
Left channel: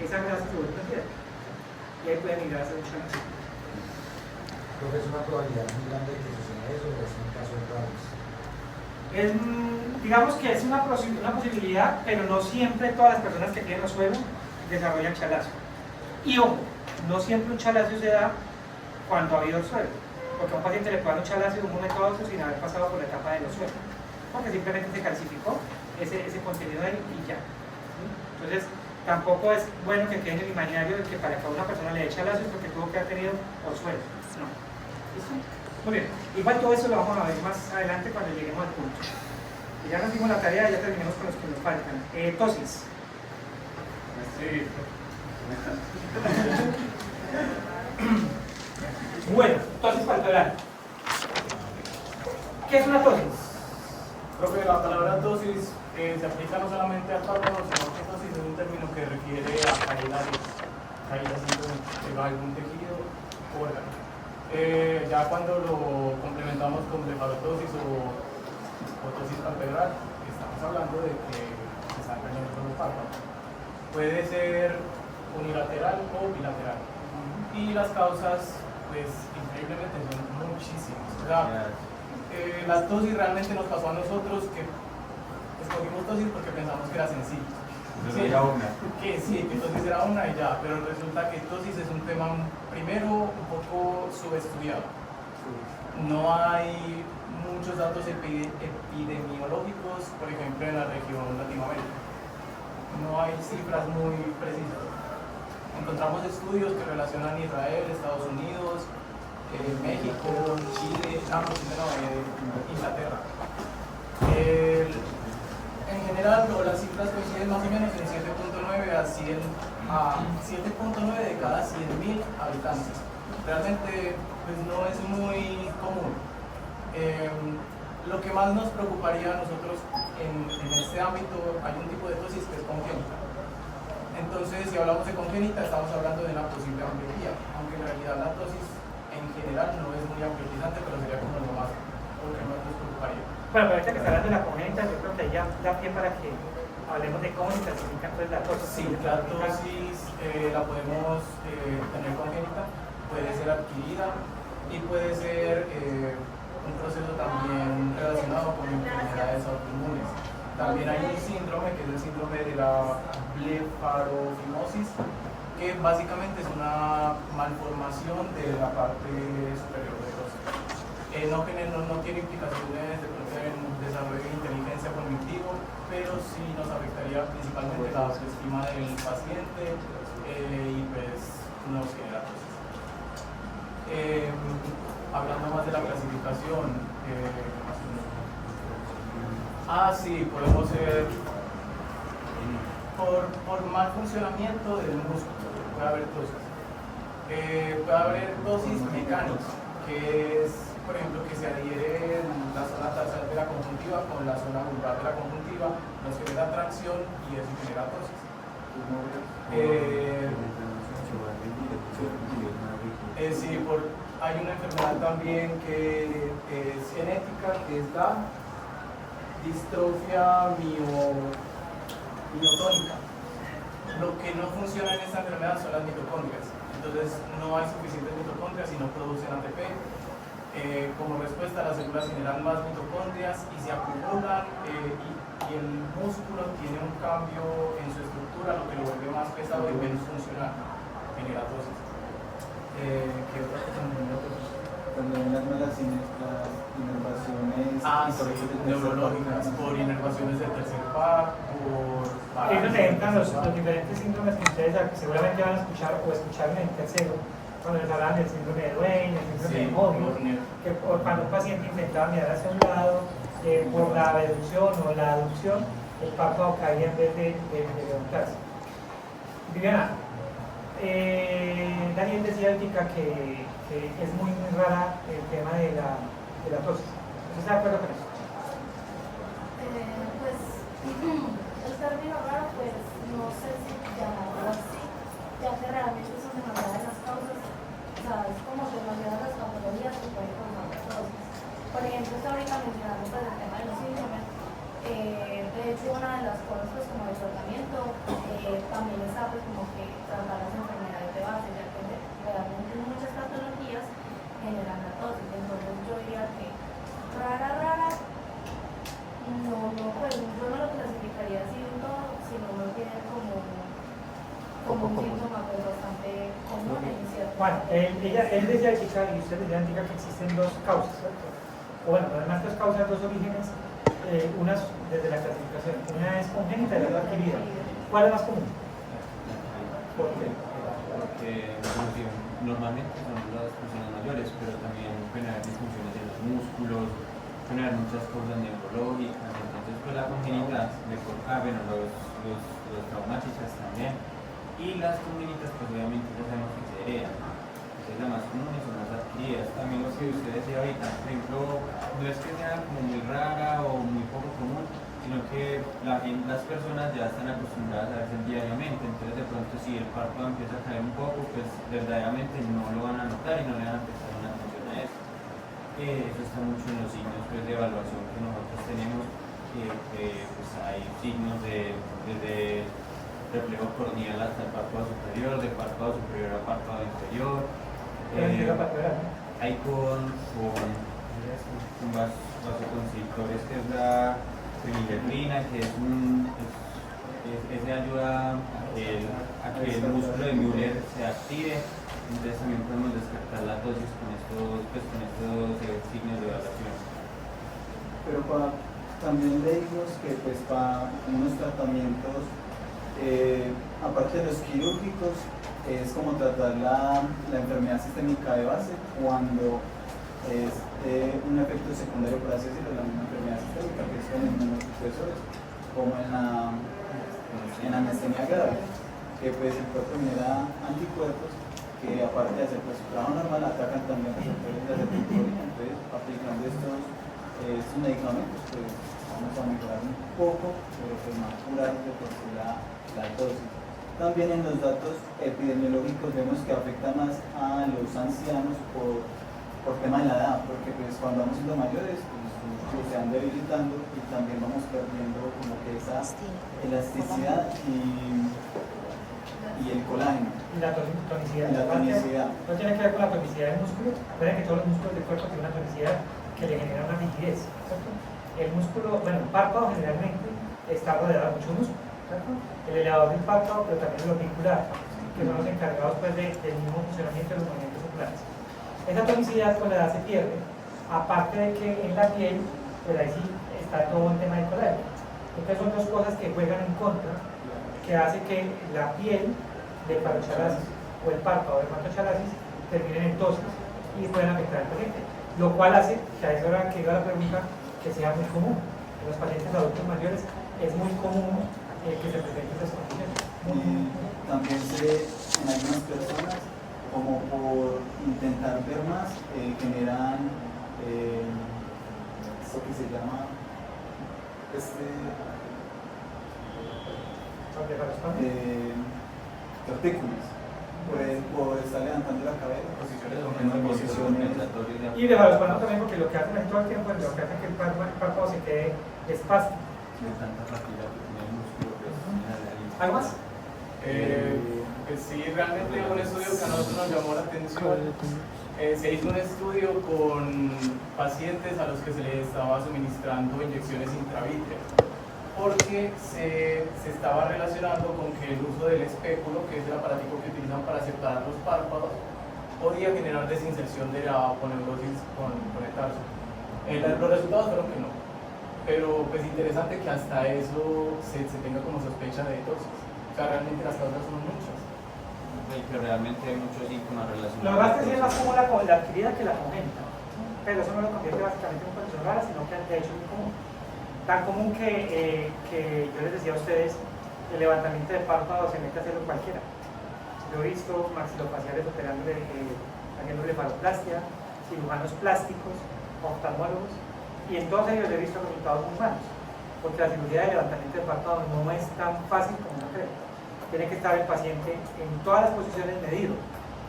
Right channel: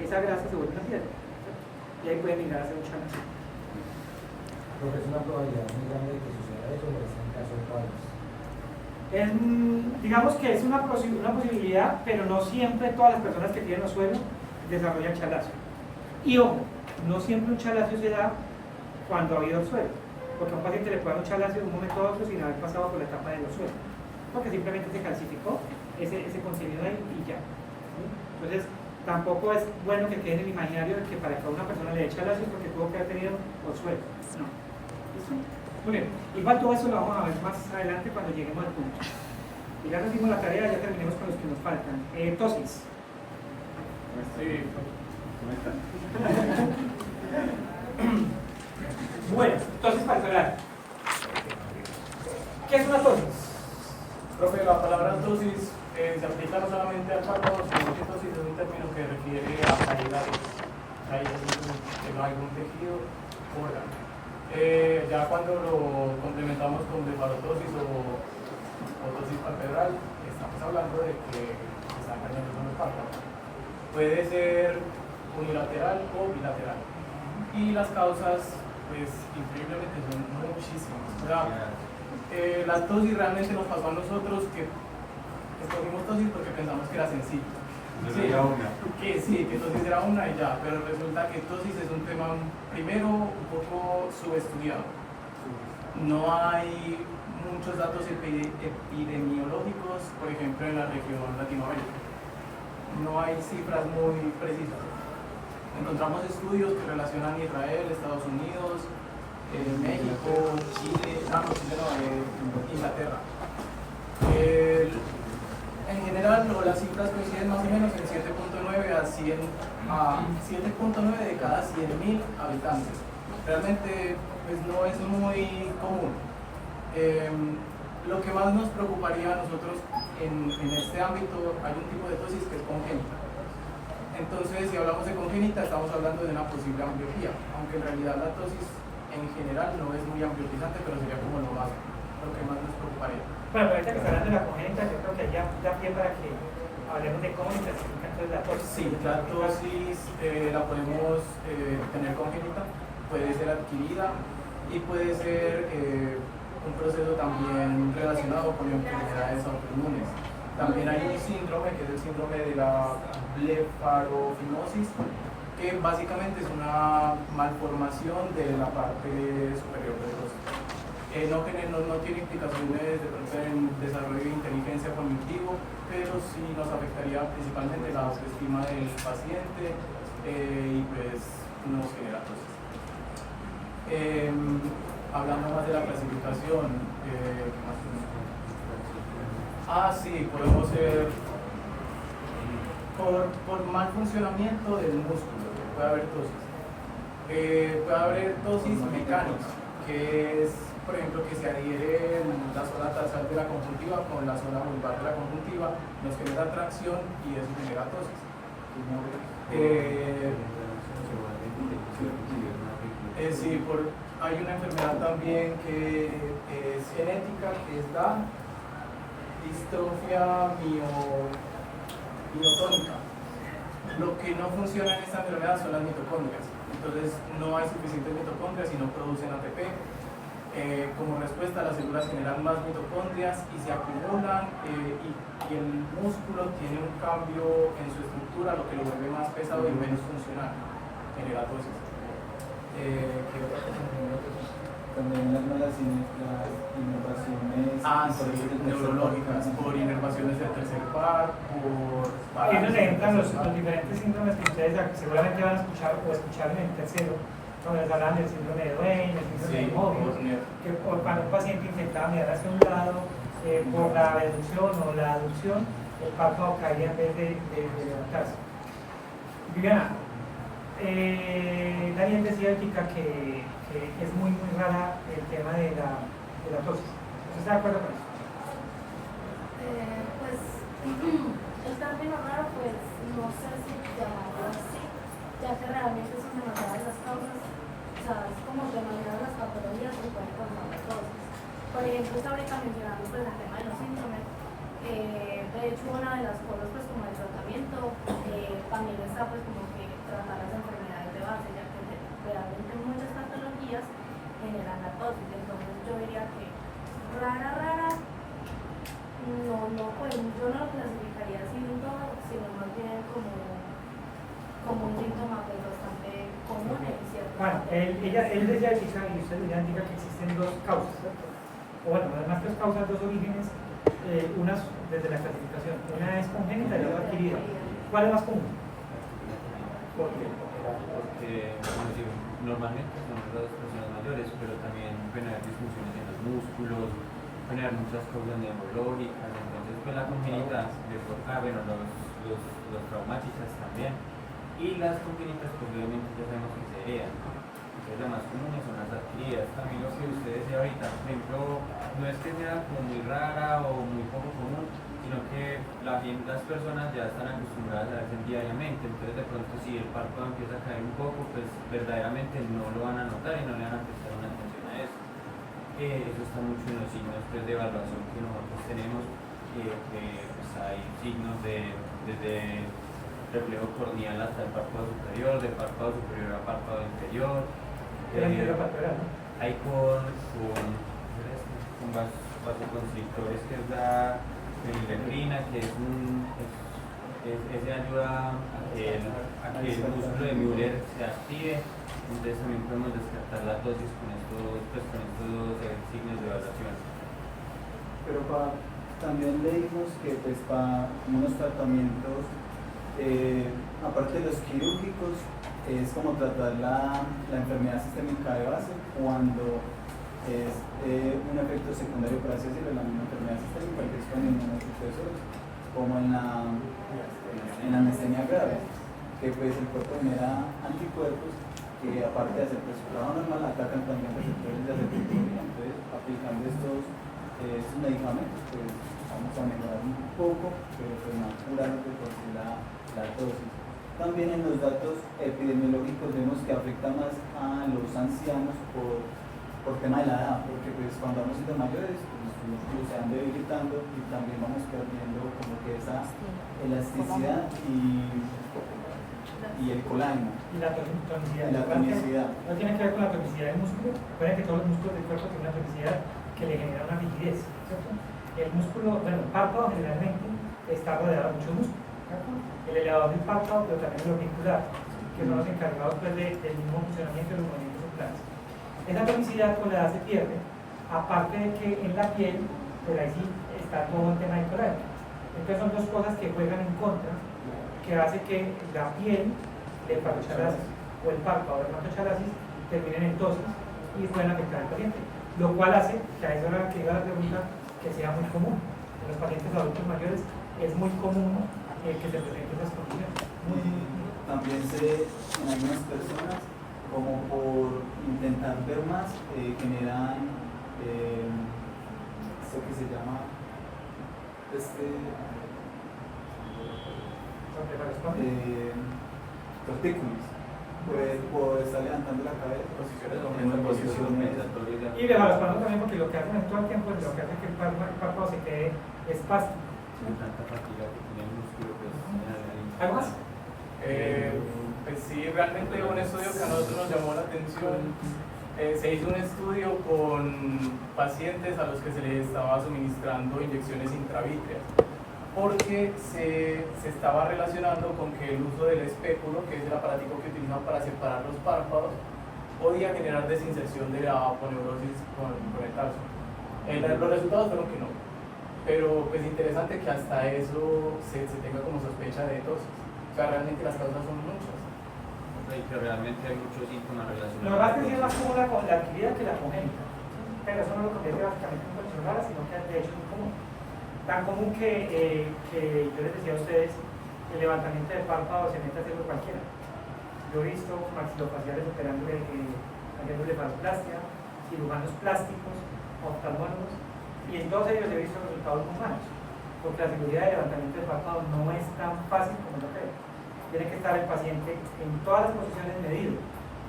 esa grasa se vuelve una piedra y ahí puede migrar a ser un chalazo. Creo que es una probabilidad muy grande de que suceda eso, o es un caso de tablas. Digamos que es una posibilidad, pero no siempre todas las personas que tienen los suelos desarrollan chalazo. Y ojo, no siempre un chalazo se da cuando ha habido el suelo, porque a un paciente le puede dar un chalazo en un momento dado sin haber pasado por la etapa de los suelos, porque simplemente se calcificó ese contenido ahí y ya. ¿Sí? Entonces, tampoco es bueno que quede en el imaginario de que para que a una persona le dé chalazo es porque tuvo que haber tenido suelo. No. ¿Listo? Muy bien. Igual todo eso lo vamos a ver más adelante cuando lleguemos al punto. Y ya nos dimos la tarea, ya terminamos con los que nos faltan. Tosis. Sí. Bueno, tosis palpebral. ¿Qué es una tosis? Profe, la palabra tosis se aplica no solamente al párpado, sino que tosis es un término que refiere a caídas de algún tejido o órgano. Ya cuando lo complementamos con blefarotosis o tosis palpebral, estamos hablando de que se están perdiendo los párpados. Puede ser unilateral o bilateral. Y las causas, pues, increíblemente son muchísimas. O sea, la tosis realmente nos pasó a nosotros que escogimos tosis porque pensamos que era sencillo. Sí, que tosis era una y ya, pero resulta que tosis es un tema primero un poco subestudiado. No hay muchos datos epidemiológicos, por ejemplo, en la región Latinoamérica. No hay cifras muy precisas. Encontramos estudios que relacionan Israel, Estados Unidos, México, Chile, Inglaterra. En general, las cifras coinciden más o menos en 7.9 a 7.9 de cada 100.000 habitantes. Realmente pues, no es muy común. Lo que más nos preocuparía a nosotros en este ámbito, hay un tipo de tosis que es congénita. Entonces, si hablamos de congénita, estamos hablando de una posible ambliopía, aunque en realidad la tosis en general no es muy ambliopizante, pero sería como lo que más nos preocuparía. Bueno, pero ahorita que está hablando de la congénita, yo creo que ya da pie para que hablemos de cómo se clasifica entonces la tosis. Sí, la tosis la podemos tener congénita, puede ser adquirida y puede ser un proceso también relacionado con enfermedades autoinmunes. También hay un síndrome que es el síndrome de la blefarofimosis, que básicamente es una malformación de la parte superior del óseo. No tiene implicaciones de pronto en desarrollo de inteligencia cognitivo, pero sí nos afectaría principalmente la autoestima del paciente y pues nos genera cosas. Hablando más de la clasificación, sí, podemos ser por mal funcionamiento del músculo, puede haber tosis. Puede haber tosis mecánica, que es, por ejemplo, que se adhiere la zona tarsal de la conjuntiva con la zona vulvar de la conjuntiva, nos genera tracción y eso genera tosis. Hay una enfermedad también que es genética, que es la distrofia miotónica. Lo que no funciona en esta enfermedad son las mitocondrias. Entonces no hay suficientes mitocondrias y no producen ATP. Como respuesta, las células generan más mitocondrias y se acumulan y el músculo tiene un cambio en su estructura, lo que lo vuelve más pesado y menos funcional, genera tosis. ¿Qué otra cosa? Cuando hay las malas inervaciones neurológicas, por inervaciones del tercer par, por... Ahí nos entran los diferentes síndromes que ustedes seguramente van a escuchar o escucharme en tercero, cuando nos hablan del síndrome de Duane, el síndrome de Mobius, que cuando un paciente intentaba mirar hacia un lado, por la reducción o la aducción, el párpado caía en vez de levantarse. Viviana, Daniel decía que es muy rara el tema de la tosis. ¿Estás de acuerdo con eso? Pues el término raro, pues no sé si llamarlo así, ya que realmente son demasiadas las causas, o sea, es como demasiadas las patologías que pueden causar la tosis. Por ejemplo, estoy ahorita mencionando pues el tema de los síndromes. De hecho, una de las cosas pues como el tratamiento también está pues como que tratar las enfermedades de base, ya que realmente muchas patologías generan la tosis. Entonces yo diría que rara, pues yo no lo clasificaría así en todo, sino más bien como un síntoma pues bastante común en cierto. Bueno, él decía chica y usted decía que existen dos causas, ¿cierto? O bueno, además dos causas, dos orígenes, unas desde la clasificación, una es congénita y la otra adquirida. ¿Cuál es más común? ¿Por qué? Porque, como digo, normalmente son las personas mayores, pero también pueden haber disfunciones en los músculos, pueden haber muchas causas neurológicas, entonces pues la congénita los traumáticas también, y las congénitas pues obviamente ya sabemos que se heredan. Entonces las más comunes son las adquiridas. También lo que ustedes decían ahorita, por ejemplo, no es que sea como muy rara o muy poco común, sino que las personas ya están acostumbradas a verse diariamente, entonces de pronto si el párpado empieza a caer un poco, pues verdaderamente no lo van a notar y no le van a prestar una atención a eso. Eso está mucho en los signos pues, de evaluación que nosotros tenemos, pues hay signos desde reflejo corneal hasta el párpado superior, de párpado superior a párpado inferior. Hay con vasoconstrictores, que es la feniletrina, que ese ayuda a que el músculo de Müller se active. Entonces también podemos descartar la dosis con estos signos de evaluación. Pero también leímos que pues para unos tratamientos aparte de los quirúrgicos, es como tratar la enfermedad sistémica de base cuando es un efecto secundario, por así decirlo, la misma enfermedad sistémica, que es con inmunosupresores, como en la mastenia grave, que pues el cuerpo genera anticuerpos que, aparte de hacer pues, su trabajo normal, atacan también receptores de retinina. Entonces, aplicando estos medicamentos, pues vamos a mejorar un poco, pero pues no curar de por sí la dosis. También en los datos epidemiológicos vemos que afecta más a los ancianos por tema de la edad, porque pues cuando vamos siendo mayores, pues los músculos se van debilitando y también vamos perdiendo como que esa elasticidad y el colágeno. Y la tonicidad. La tonicidad. No tiene que ver con la tonicidad del músculo. Recuerden que todos los músculos del cuerpo tienen una tonicidad que le genera una rigidez, ¿cierto? El músculo, bueno, el párpado generalmente está rodeado de muchos músculos, ¿cierto? El elevador del párpado, pero también el orbicular, que son los encargados pues, del mismo funcionamiento de los movimientos oculares. Esa tonicidad con la edad se pierde, aparte de que en la piel, pues ahí sí está todo el tema del colágeno. Entonces son dos cosas que juegan en contra, que hace que la piel del parochalasis o el párpado del dermatochalasis terminen en tosis y pueden afectar al paciente, lo cual hace que a esa hora que llega la pregunta que sea muy común. En los pacientes adultos mayores es muy común que se presenten esas condiciones. También se ve en algunas personas como por intentar ver más, generan esto que se llama tortícolis, por estar levantando la cabeza, posiciones. Y de los panos también, porque lo que hacen en todo el tiempo es lo que hace que el párpado se quede espástico. ¿Algo más? Pues sí, realmente un estudio que a nosotros nos llamó la atención. Se hizo un estudio con pacientes a los que se les estaba suministrando inyecciones intravítreas, porque se estaba relacionando con que el uso del espéculo, que es el aparatico que utilizan para separar los párpados, podía generar desinserción de la aponeurosis con el tarso. Los resultados fueron que no, pero pues interesante que hasta eso se tenga como sospecha de tosis. O sea, realmente las causas son muchas. Pero realmente hay muchos síntomas relacionados. Lo que pasa es que es más común la adquirida que la congénita, pero eso no lo convierte básicamente en condición rara, sino que de hecho es muy común. Tan común que yo les decía a ustedes, el levantamiento del párpado se mete a hacerlo cualquiera. Yo he visto maxilofaciales haciendo blefaroplastia, cirujanos plásticos, oftalmólogos, y en todos ellos he visto resultados muy malos, porque la cirugía de levantamiento del párpado no es tan fácil como uno cree. Tiene que estar el paciente en todas las posiciones medido,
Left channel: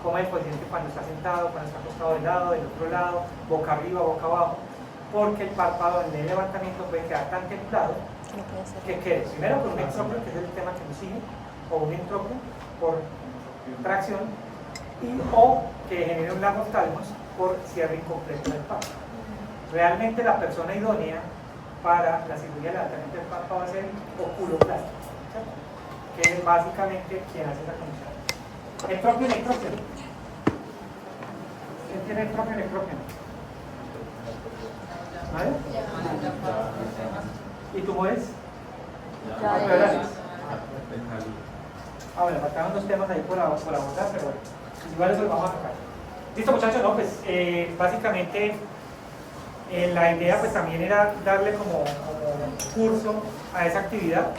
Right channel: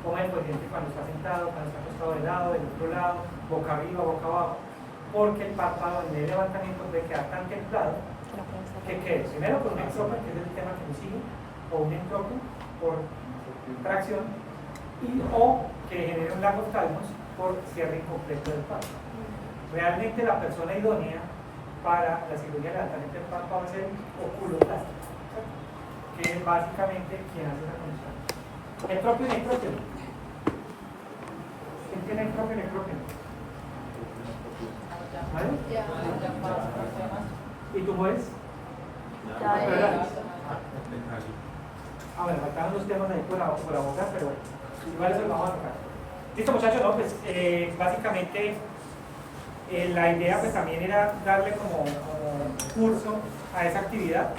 como el paciente cuando está sentado, cuando está acostado de lado, del otro lado, boca arriba, boca abajo, porque el párpado en el levantamiento puede quedar tan templado que quede primero por un entropio, que es el tema que lo sigue, o un entropio por tracción, o que genere un lagostalmos por cierre incompleto del párpado. Realmente la persona idónea para la cirugía de levantamiento del párpado va a ser oculoplastia, que es básicamente quien hace la condición. Entropio y necropio. ¿Quién tiene entropio y necropio? ¿Nadie? ¿Y tumores? Bueno, faltaban dos temas ahí por abordar, pero igual eso lo vamos a tocar. Listo, muchachos, no, pues básicamente la idea pues también era darle como curso a esa actividad,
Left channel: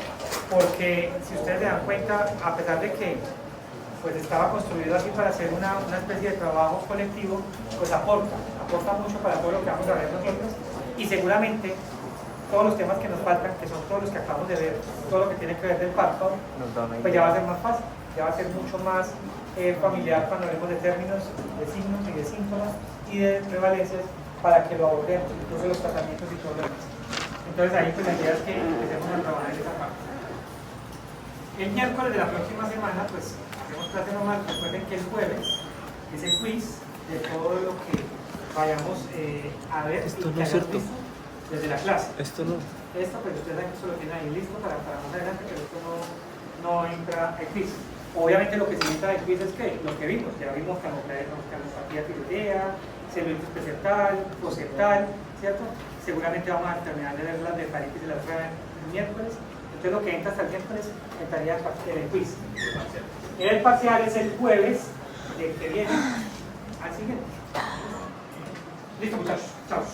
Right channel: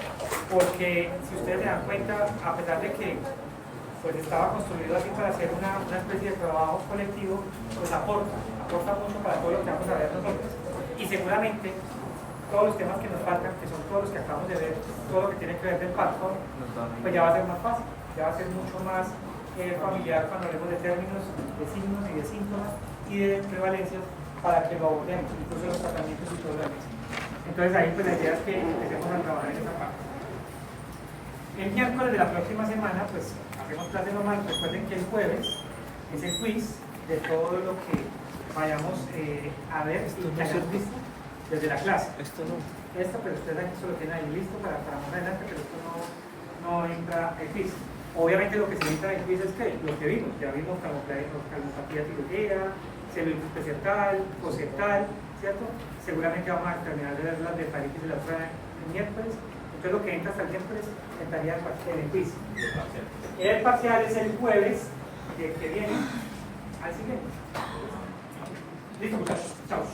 porque si ustedes se dan cuenta, a pesar de que pues estaba construido así para hacer una especie de trabajo colectivo, pues aporta mucho para todo lo que vamos a ver nosotros, y seguramente todos los temas que nos faltan, que son todos los que acabamos de ver, todo lo que tiene que ver del párpado, pues ya va a ser más fácil, ya va a ser mucho más familiar cuando hablemos de términos, de signos y de síntomas y de prevalencias, para que lo abordemos, incluso los tratamientos y todo lo demás. Entonces ahí pues la idea es que empecemos a trabajar en esa parte. El miércoles de la próxima semana pues hacemos clase normal. Recuerden que el jueves es el quiz de todo lo que vayamos a ver y que hayamos visto desde la clase. Esto pues ustedes saben que esto lo tienen ahí listo para más adelante, pero esto no entra al quiz. Obviamente lo que se entra al quiz es que lo que vimos, ya vimos calmopatía tiroidea, celulitis preseptal, poseptal, ¿cierto? Seguramente vamos a terminar de ver las blefaritis de la prueba el miércoles, Entonces lo que entra hasta el miércoles entraría el quiz. El parcial es el jueves que viene al siguiente. Listo muchachos, chao.